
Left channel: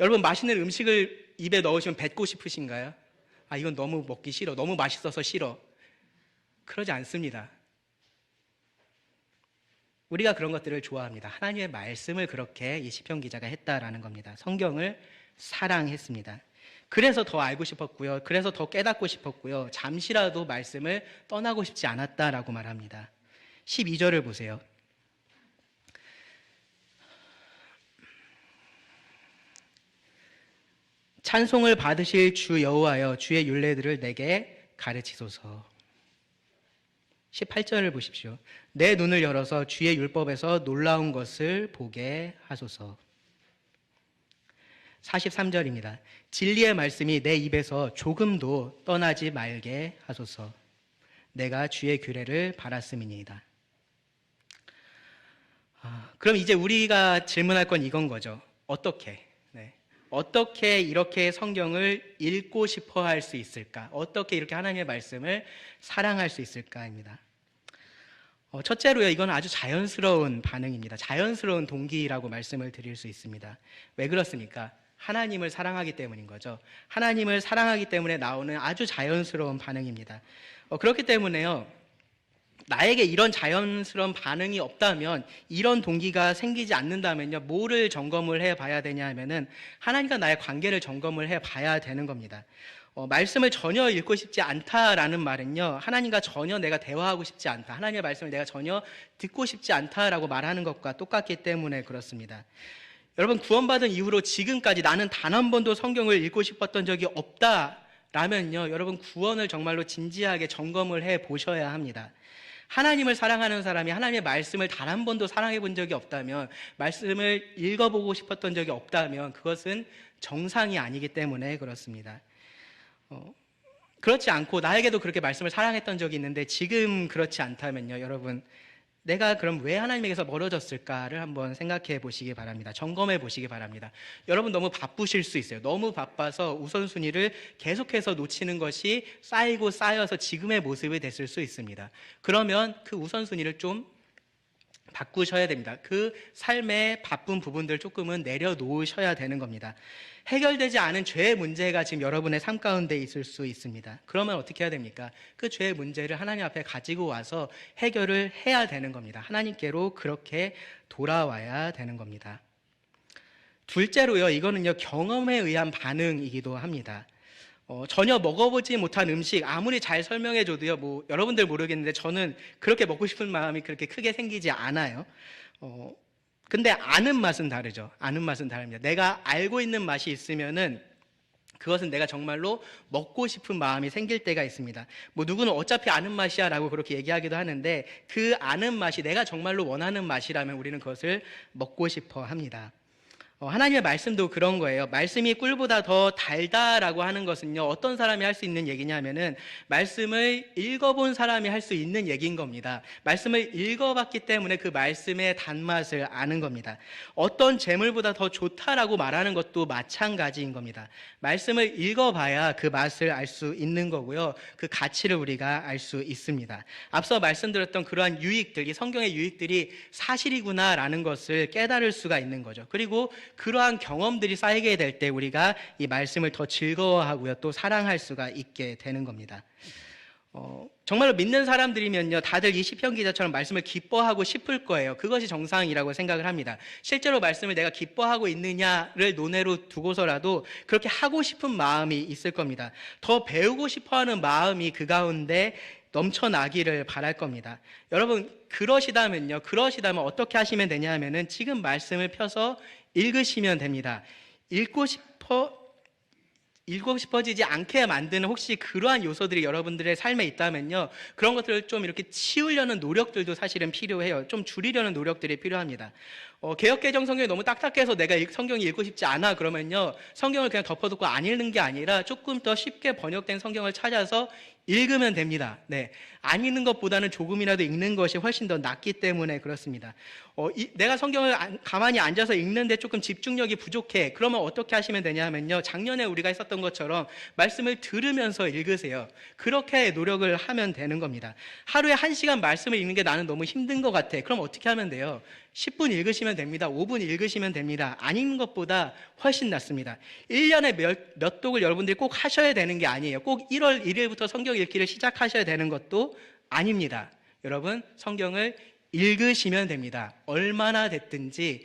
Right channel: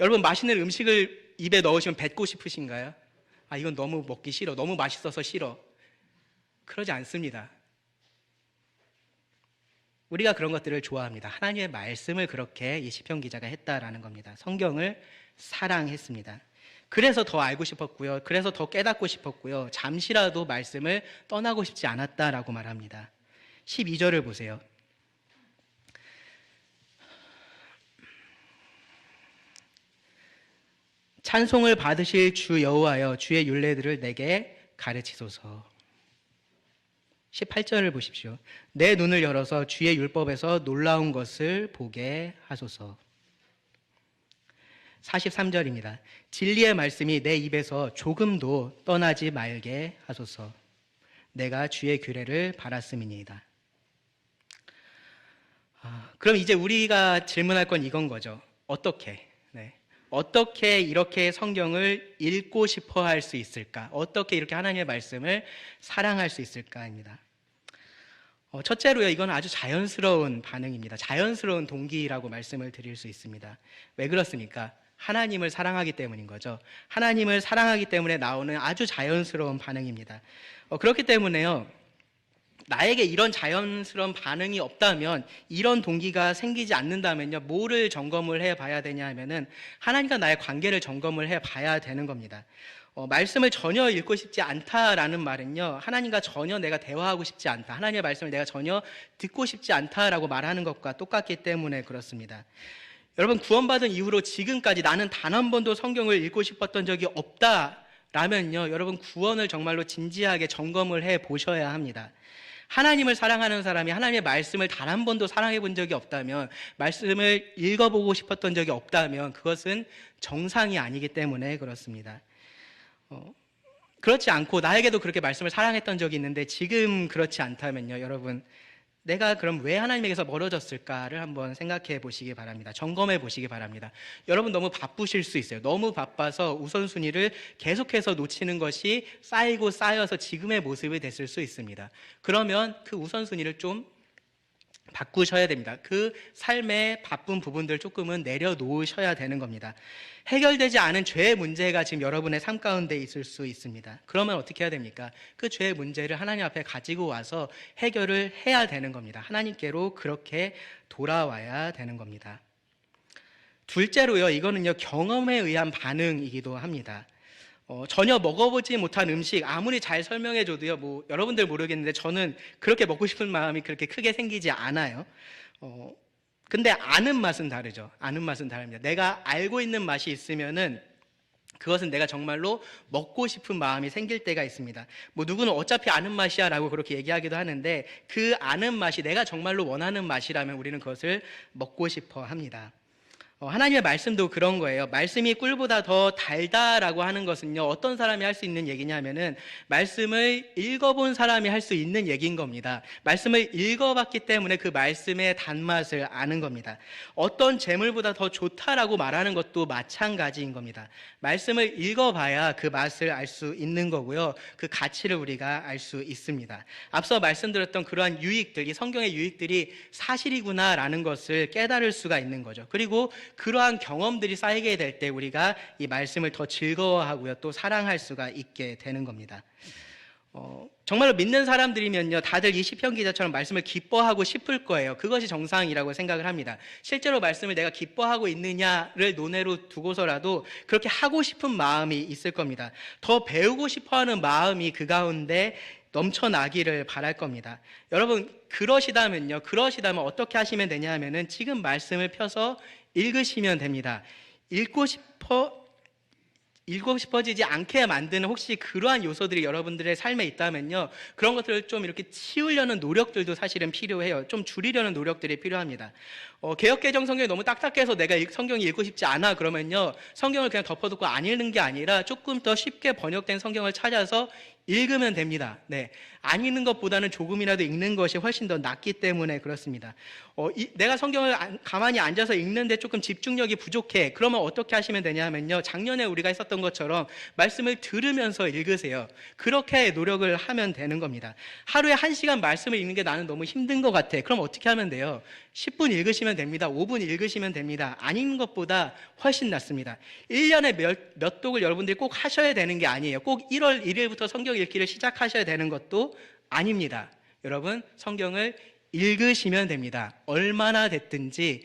여러분, 맛있는 음식을 입에 넣으시면 뱉고 싶으신가요? 아, 이건 너무 먹기 싫어. 너무 맛있어서 싫어. 그러지 않습니다. 우리가 그런 것들을 좋아합니다. 하나님의 말씀을 그렇게 이 시편 기자가 했다라는 겁니다. 성경을 사랑했습니다. 그래서 더 알고 싶었고요. 그래서 더 깨닫고 싶었고요. 잠시라도 말씀을 떠나고 싶지 않았다라고 말합니다. 12절을 보세요. 찬송을 받으실 주 여호와여 주의 율례들을 내게 가르치소서. 18절을 보십시오. 내 눈을 열어서 주의 율법에서 놀라운 것을 보게 하소서. 43절입니다. 진리의 말씀이 내 입에서 조금도 떠나지 말게 하소서. 내가 주의 규례를 바랐음이니이다. 그럼 이제 우리가 질문할 건 이건 거죠. 어떻게? 어떻게 이렇게 성경을 읽고 싶어 할 수 있을까? 어떻게 이렇게 하나님의 말씀을 사랑할 수 있을까입니다. 첫째로요, 이건 아주 자연스러운 반응입니다. 자연스러운 동기라고 말씀을 드릴 수 있습니다. 왜 그렇습니까? 하나님을 사랑하기 때문인 거죠. 하나님을 사랑하기 때문에 나오는 아주 자연스러운 반응입니다. 그렇기 때문에요, 나에게 이런 자연스러운 반응이 없다면, 이런 동기가 생기지 않는다면요, 뭐를 점검을 해봐야 되냐 하면은 하나님과 나의 관계를 점검을 해봐야 되는 겁니다. 말씀을 전혀 읽고 싶지 않다라는 말은요, 하나님과 전혀 내가 대화하고 싶지 않다, 하나님의 말씀을 내가 전혀 듣고 싶지 않다라고 말하는 것과 똑같기 때문에 그렇습니다. 여러분, 구원받은 이후로 지금까지 나는 단 한 번도 성경을 읽고 싶었던 적이 없다라면요, 여러분, 구원을 정말로 진지하게 점검을 해보셔야 합니다. 하나님을 사랑하는 사람이 하나님의 말씀을 단 한 번도 사랑해 본 적이 없다면, 말씀을 읽어보고 싶었던 적이 없다면 그것은 정상이 아니기 때문에 그렇습니다. 그렇지 않고 나에게도 그렇게 말씀을 사랑했던 적이 있는데 지금 그렇지 않다면요, 여러분, 내가 그럼 왜 하나님에게서 멀어졌을까를 한번 생각해 보시기 바랍니다. 점검해 보시기 바랍니다. 여러분, 너무 바쁘실 수 있어요. 너무 바빠서 우선순위를 계속해서 놓치는 것이 쌓이고 쌓여서 지금의 모습이 됐을 수 있습니다. 그러면 그 우선순위를 좀 바꾸셔야 됩니다. 그 삶의 바쁜 부분들 조금은 내려놓으셔야 되는 겁니다. 해결되지 않은 죄의 문제가 지금 여러분의 삶 가운데 있을 수 있습니다. 그러면 어떻게 해야 됩니까? 그 죄의 문제를 하나님 앞에 가지고 와서 해결을 해야 되는 겁니다. 하나님께로 그렇게 돌아와야 되는 겁니다. 둘째로요, 이거는요, 경험에 의한 반응이기도 합니다. 전혀 먹어보지 못한 음식 아무리 잘 설명해줘도요, 여러분들 모르겠는데 저는 그렇게 먹고 싶은 마음이 그렇게 크게 생기지 않아요. 근데 아는 맛은 다르죠. 아는 맛은 다릅니다. 내가 알고 있는 맛이 있으면은 그것은 내가 정말로 먹고 싶은 마음이 생길 때가 있습니다. 누구는 어차피 아는 맛이야 라고 그렇게 얘기하기도 하는데 그 아는 맛이 내가 정말로 원하는 맛이라면 우리는 그것을 먹고 싶어 합니다. 하나님의 말씀도 그런 거예요. 말씀이 꿀보다 더 달다라고 하는 것은요, 어떤 사람이 할 수 있는 얘기냐면은 말씀을 읽어본 사람이 할 수 있는 얘기인 겁니다. 말씀을 읽어봤기 때문에 그 말씀의 단맛을 아는 겁니다. 어떤 재물보다 더 좋다라고 말하는 것도 마찬가지인 겁니다. 말씀을 읽어봐야 그 맛을 알 수 있는 거고요, 그 가치를 우리가 알 수 있습니다. 앞서 말씀드렸던 그러한 유익들, 이 성경의 유익들이 사실이구나라는 것을 깨달을 수가 있는 거죠. 그리고 그러한 경험들이 쌓이게 될 때 우리가 이 말씀을 더 즐거워하고요, 또 사랑할 수가 있게 되는 겁니다. 정말로 믿는 사람들이면요, 다들 이 시편 기자처럼 말씀을 기뻐하고 싶을 거예요. 그것이 정상이라고 생각을 합니다. 실제로 말씀을 내가 기뻐하고 있느냐를 논외로 두고서라도 그렇게 하고 싶은 마음이 있을 겁니다. 더 배우고 싶어하는 마음이 그 가운데 넘쳐나기를 바랄 겁니다. 여러분, 그러시다면 어떻게 하시면 되냐면은 지금 말씀을 펴서 읽으시면 됩니다. 읽고 싶어지지 않게 만드는 혹시 그러한 요소들이 여러분들의 삶에 있다면요, 그런 것들을 좀 이렇게 치우려는 노력들도 사실은 필요해요. 좀 줄이려는 노력들이 필요합니다. 개역개정 성경이 너무 딱딱해서 내가 성경이 읽고 싶지 않아 그러면요, 성경을 그냥 덮어두고 안 읽는 게 아니라 조금 더 쉽게 번역된 성경을 찾아서 읽으면 됩니다. 네, 안 읽는 것보다는 조금이라도 읽는 것이 훨씬 더 낫기 때문에 그렇습니다. 내가 성경을 가만히 앉아서 읽는데 조금 집중력이 부족해. 그러면 어떻게 하시면 되냐면요, 작년에 우리가 했었던 것처럼 말씀을 들으면서 읽으세요. 그렇게 노력을 하면 되는 겁니다. 하루에 1시간 말씀을 읽는 게 나는 너무 힘든 것 같아. 그럼 어떻게 하면 돼요? 10분 읽으시면 됩니다. 5분 읽으시면 됩니다. 안 읽는 것보다 훨씬 낫습니다. 1년에 몇 독을 여러분들이 꼭 하셔야 되는 게 아니에요. 꼭 1월 1일부터 성경 읽기를 시작하셔야 되는 것도 아닙니다. 여러분, 성경을 읽으시면 됩니다. 얼마나 됐든지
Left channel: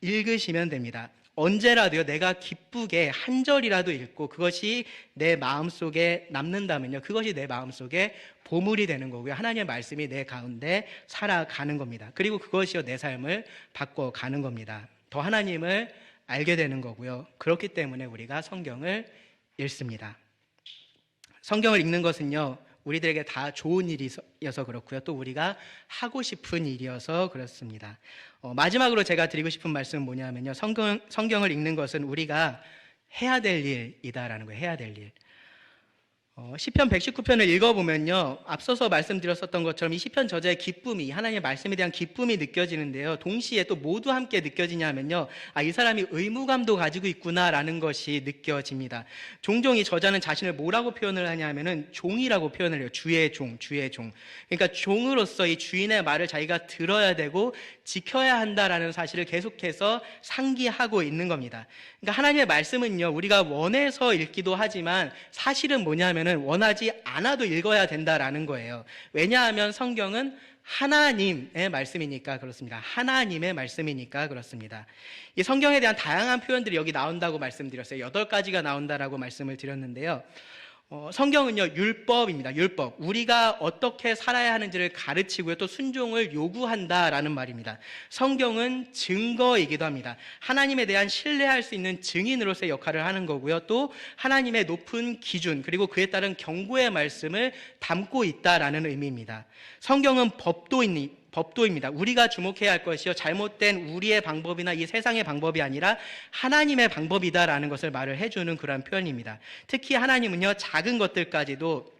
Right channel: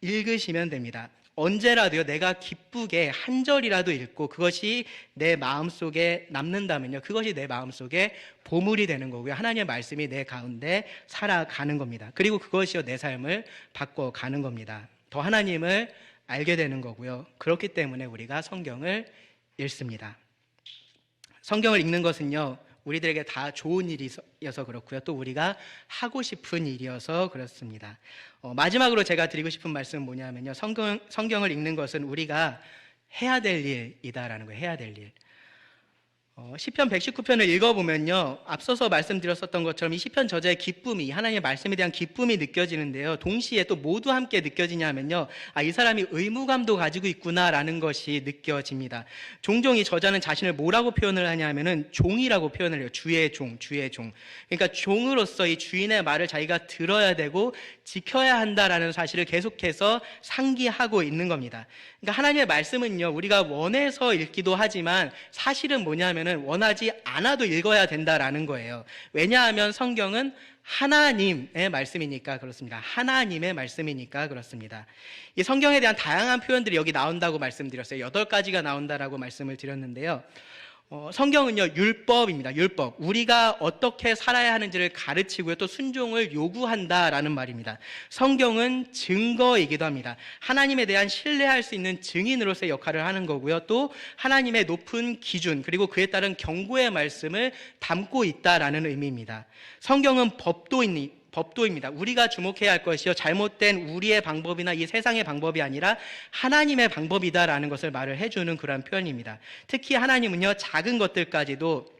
읽으시면 됩니다. 언제라도요, 내가 기쁘게 한 절이라도 읽고 그것이 내 마음속에 남는다면요, 그것이 내 마음속에 보물이 되는 거고요, 하나님의 말씀이 내 가운데 살아가는 겁니다. 그리고 그것이요, 내 삶을 바꿔가는 겁니다. 더 하나님을 알게 되는 거고요. 그렇기 때문에 우리가 성경을 읽습니다. 성경을 읽는 것은요, 우리들에게 다 좋은 일이어서 그렇고요, 또 우리가 하고 싶은 일이어서 그렇습니다. 마지막으로 제가 드리고 싶은 말씀은 뭐냐면요, 성경을 읽는 것은 우리가 해야 될 일이다라는 거예요. 해야 될 일. 시편 119편을 읽어보면요, 앞서서 말씀드렸었던 것처럼 이 시편 저자의 기쁨이, 하나님의 말씀에 대한 기쁨이 느껴지는데요, 동시에 또 모두 함께 느껴지냐면요, 이 사람이 의무감도 가지고 있구나라는 것이 느껴집니다. 종종 이 저자는 자신을 뭐라고 표현을 하냐면은 종이라고 표현을 해요. 주의 종. 그러니까 종으로서 이 주인의 말을 자기가 들어야 되고 지켜야 한다라는 사실을 계속해서 상기하고 있는 겁니다. 그러니까 하나님의 말씀은요, 우리가 원해서 읽기도 하지만 사실은 뭐냐면은 원하지 않아도 읽어야 된다라는 거예요. 왜냐하면 성경은 하나님의 말씀이니까 그렇습니다. 하나님의 말씀이니까 그렇습니다. 이 성경에 대한 다양한 표현들이 여기 나온다고 말씀드렸어요. 8가지가 나온다라고 말씀을 드렸는데요. 성경은요, 율법입니다. 율법. 우리가 어떻게 살아야 하는지를 가르치고요, 또 순종을 요구한다라는 말입니다. 성경은 증거이기도 합니다. 하나님에 대한 신뢰할 수 있는 증인으로서의 역할을 하는 거고요, 또 하나님의 높은 기준, 그리고 그에 따른 경고의 말씀을 담고 있다라는 의미입니다. 성경은 법도입니다. 우리가 주목해야 할 것이요, 잘못된 우리의 방법이나 이 세상의 방법이 아니라 하나님의 방법이다라는 것을 말을 해주는 그런 표현입니다. 특히 하나님은요, 작은 것들까지도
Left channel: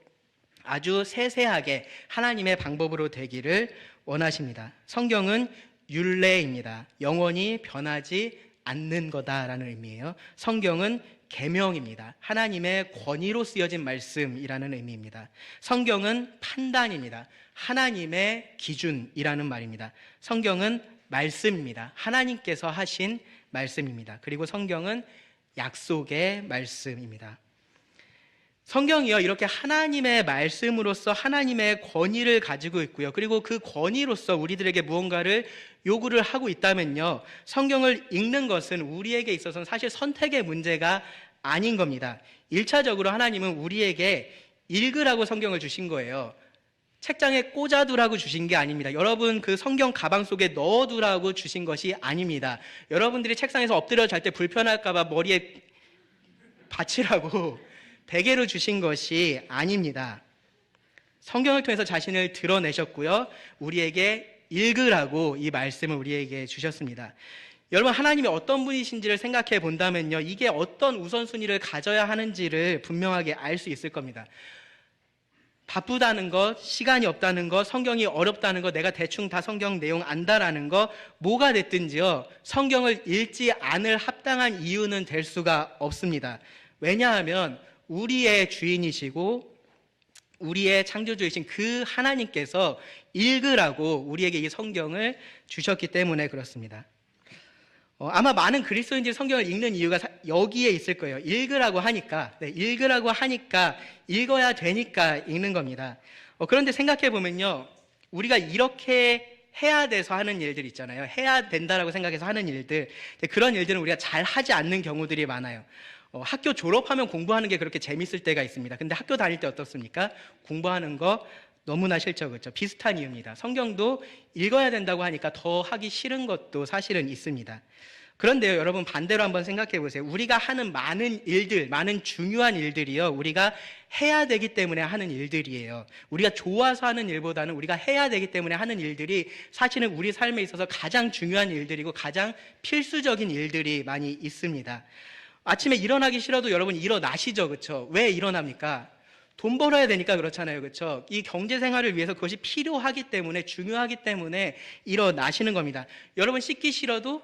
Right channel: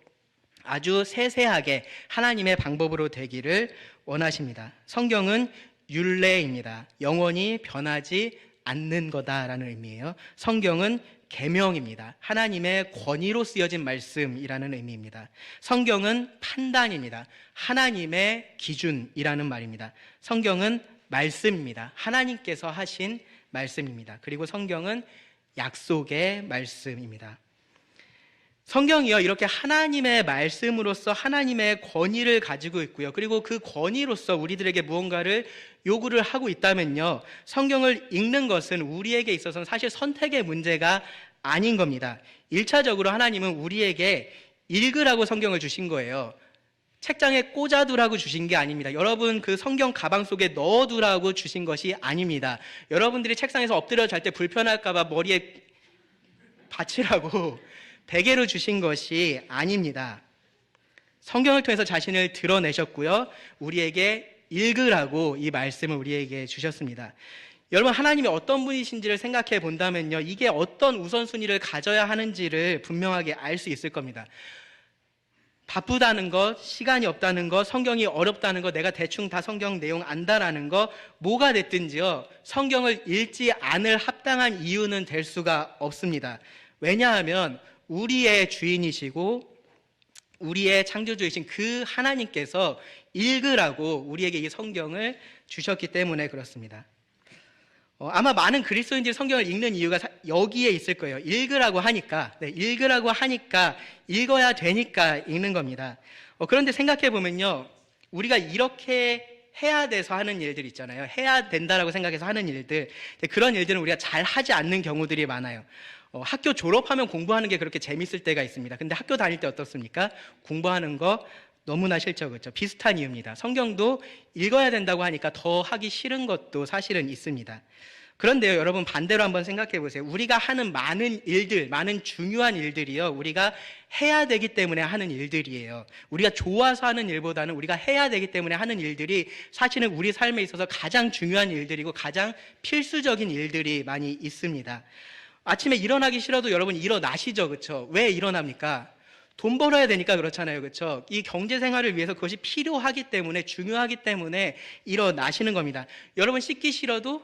아주 세세하게 하나님의 방법으로 되기를 원하십니다. 성경은 율례입니다. 영원히 변하지 않는 거다라는 의미예요. 성경은 계명입니다. 하나님의 권위로 쓰여진 말씀이라는 의미입니다. 성경은 판단입니다. 하나님의 기준이라는 말입니다. 성경은 말씀입니다. 하나님께서 하신 말씀입니다. 그리고 성경은 약속의 말씀입니다. 성경이요, 이렇게 하나님의 말씀으로서 하나님의 권위를 가지고 있고요. 그리고 그 권위로서 우리들에게 무언가를 요구를 하고 있다면요, 성경을 읽는 것은 우리에게 있어서는 사실 선택의 문제가 아닌 겁니다. 1차적으로 하나님은 우리에게 읽으라고 성경을 주신 거예요. 책장에 꽂아두라고 주신 게 아닙니다. 여러분 그 성경 가방 속에 넣어두라고 주신 것이 아닙니다. 여러분들이 책상에서 엎드려 잘 때 불편할까 봐 머리에 받치라고 베개로 주신 것이 아닙니다. 성경을 통해서 자신을 드러내셨고요, 우리에게 읽으라고 이 말씀을 우리에게 주셨습니다. 여러분, 하나님이 어떤 분이신지를 생각해 본다면요, 이게 어떤 우선순위를 가져야 하는지를 분명하게 알 수 있을 겁니다. 바쁘다는 것, 시간이 없다는 것, 성경이 어렵다는 것, 내가 대충 다 성경 내용 안다라는 것, 뭐가 됐든지요, 성경을 읽지 않을 합당한 이유는 될 수가 없습니다. 왜냐하면 우리의 주인이시고 우리의 창조주이신 그 하나님께서 읽으라고 우리에게 이 성경을 주셨기 때문에 그렇습니다. 아마 많은 그리스도인들이 성경을 읽는 이유가 여기에 있을 거예요. 읽으라고 하니까, 읽어야 되니까 읽는 겁니다. 그런데 생각해 보면요, 우리가 이렇게 해야 돼서 하는 일들 있잖아요. 해야 된다라고 생각해서 하는 일들, 그런 일들은 우리가 잘 하지 않는 경우들이 많아요. 학교 졸업하면 공부하는 게 그렇게 재밌을 때가 있습니다. 근데 학교 다닐 때 어떻습니까? 공부하는 거 너무나 싫죠, 그렇죠? 비슷한 이유입니다. 성경도 읽어야 된다고 하니까 더 하기 싫은 것도 사실은 있습니다. 그런데요, 여러분 반대로 한번 생각해 보세요. 우리가 하는 많은 일들, 많은 중요한 일들이요, 우리가 해야 되기 때문에 하는 일들이에요. 우리가 좋아서 하는 일보다는 우리가 해야 되기 때문에 하는 일들이 사실은 우리 삶에 있어서 가장 중요한 일들이고 가장 필수적인 일들이 많이 있습니다. 아침에 일어나기 싫어도 여러분 일어나시죠, 그렇죠? 왜 일어납니까? 돈 벌어야 되니까 그렇잖아요, 그렇죠? 이 경제 생활을 위해서 그것이 필요하기 때문에, 중요하기 때문에 일어나시는 겁니다. 여러분 씻기 싫어도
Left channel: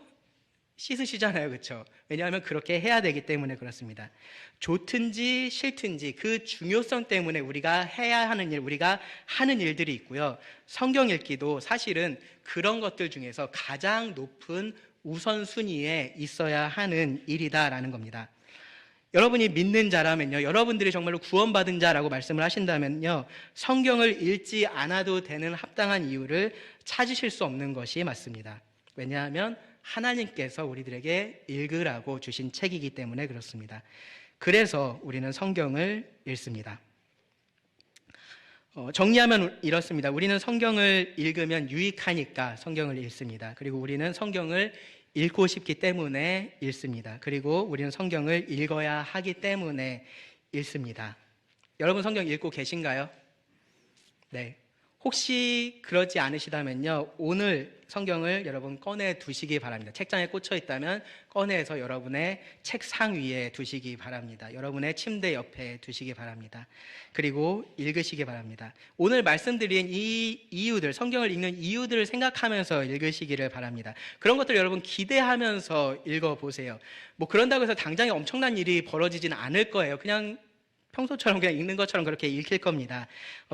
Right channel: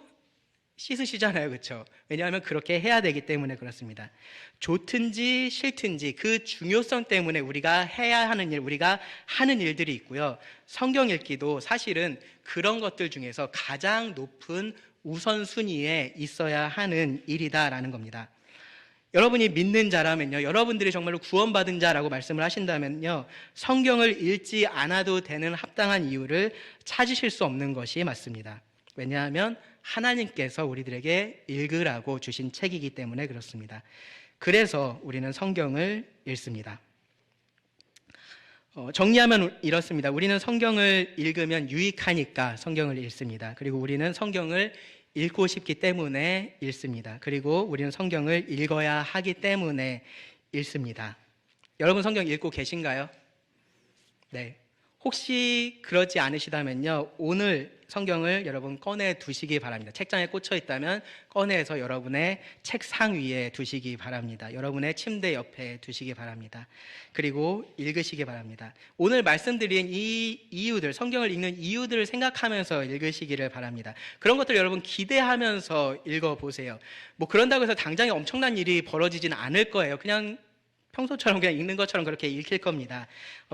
씻으시잖아요, 그렇죠? 왜냐하면 그렇게 해야 되기 때문에 그렇습니다. 좋든지 싫든지 그 중요성 때문에 우리가 해야 하는 일, 우리가 하는 일들이 있고요. 성경 읽기도 사실은 그런 것들 중에서 가장 높은 우선순위에 있어야 하는 일이다라는 겁니다. 여러분이 믿는 자라면요, 여러분들이 정말로 구원받은 자라고 말씀을 하신다면요, 성경을 읽지 않아도 되는 합당한 이유를 찾으실 수 없는 것이 맞습니다. 왜냐하면 하나님께서 우리들에게 읽으라고 주신 책이기 때문에 그렇습니다. 그래서 우리는 성경을 읽습니다. 정리하면 이렇습니다. 우리는 성경을 읽으면 유익하니까 성경을 읽습니다. 그리고 우리는 성경을 읽고 싶기 때문에 읽습니다. 그리고 우리는 성경을 읽어야 하기 때문에 읽습니다. 여러분 성경 읽고 계신가요? 네. 혹시 그러지 않으시다면요, 오늘 성경을 여러분 꺼내 두시기 바랍니다. 책장에 꽂혀 있다면 꺼내서 여러분의 책상 위에 두시기 바랍니다. 여러분의 침대 옆에 두시기 바랍니다. 그리고 읽으시기 바랍니다. 오늘 말씀드린 이 이유들, 성경을 읽는 이유들을 생각하면서 읽으시기를 바랍니다. 그런 것들 여러분 기대하면서 읽어보세요. 뭐 그런다고 해서 당장에 엄청난 일이 벌어지진 않을 거예요. 그냥 평소처럼 그냥 읽는 것처럼 그렇게 읽힐 겁니다.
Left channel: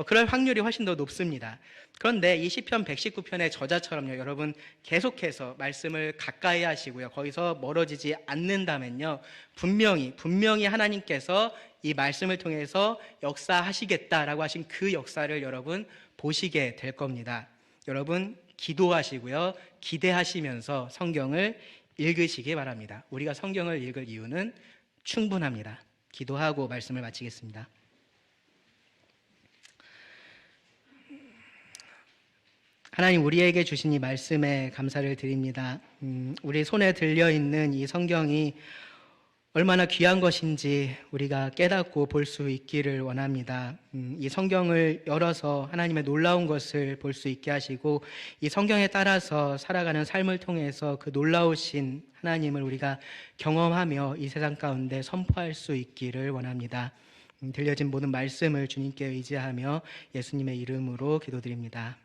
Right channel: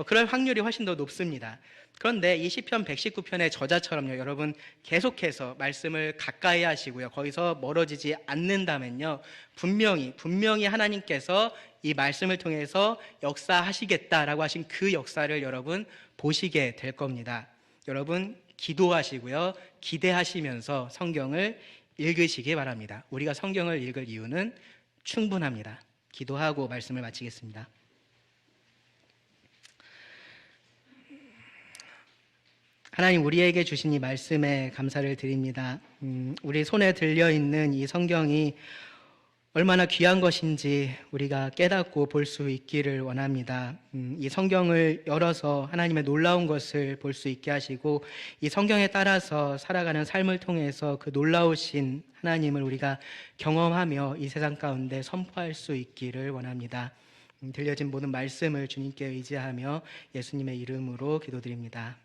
그럴 확률이 훨씬 더 높습니다. 그런데 이 시편 119편의 저자처럼요, 여러분 계속해서 말씀을 가까이 하시고요, 거기서 멀어지지 않는다면요, 분명히 하나님께서 이 말씀을 통해서 역사하시겠다라고 하신 그 역사를 여러분 보시게 될 겁니다. 여러분 기도하시고요, 기대하시면서 성경을 읽으시기 바랍니다. 우리가 성경을 읽을 이유는 충분합니다. 기도하고 말씀을 마치겠습니다. 하나님, 우리에게 주신 이 말씀에 감사를 드립니다. 우리 손에 들려있는 이 성경이 얼마나 귀한 것인지 우리가 깨닫고 볼 수 있기를 원합니다. 이 성경을 열어서 하나님의 놀라운 것을 볼 수 있게 하시고, 이 성경에 따라서 살아가는 삶을 통해서 그 놀라우신 하나님을 우리가 경험하며 이 세상 가운데 선포할 수 있기를 원합니다. 들려진 모든 말씀을 주님께 의지하며 예수님의 이름으로 기도드립니다.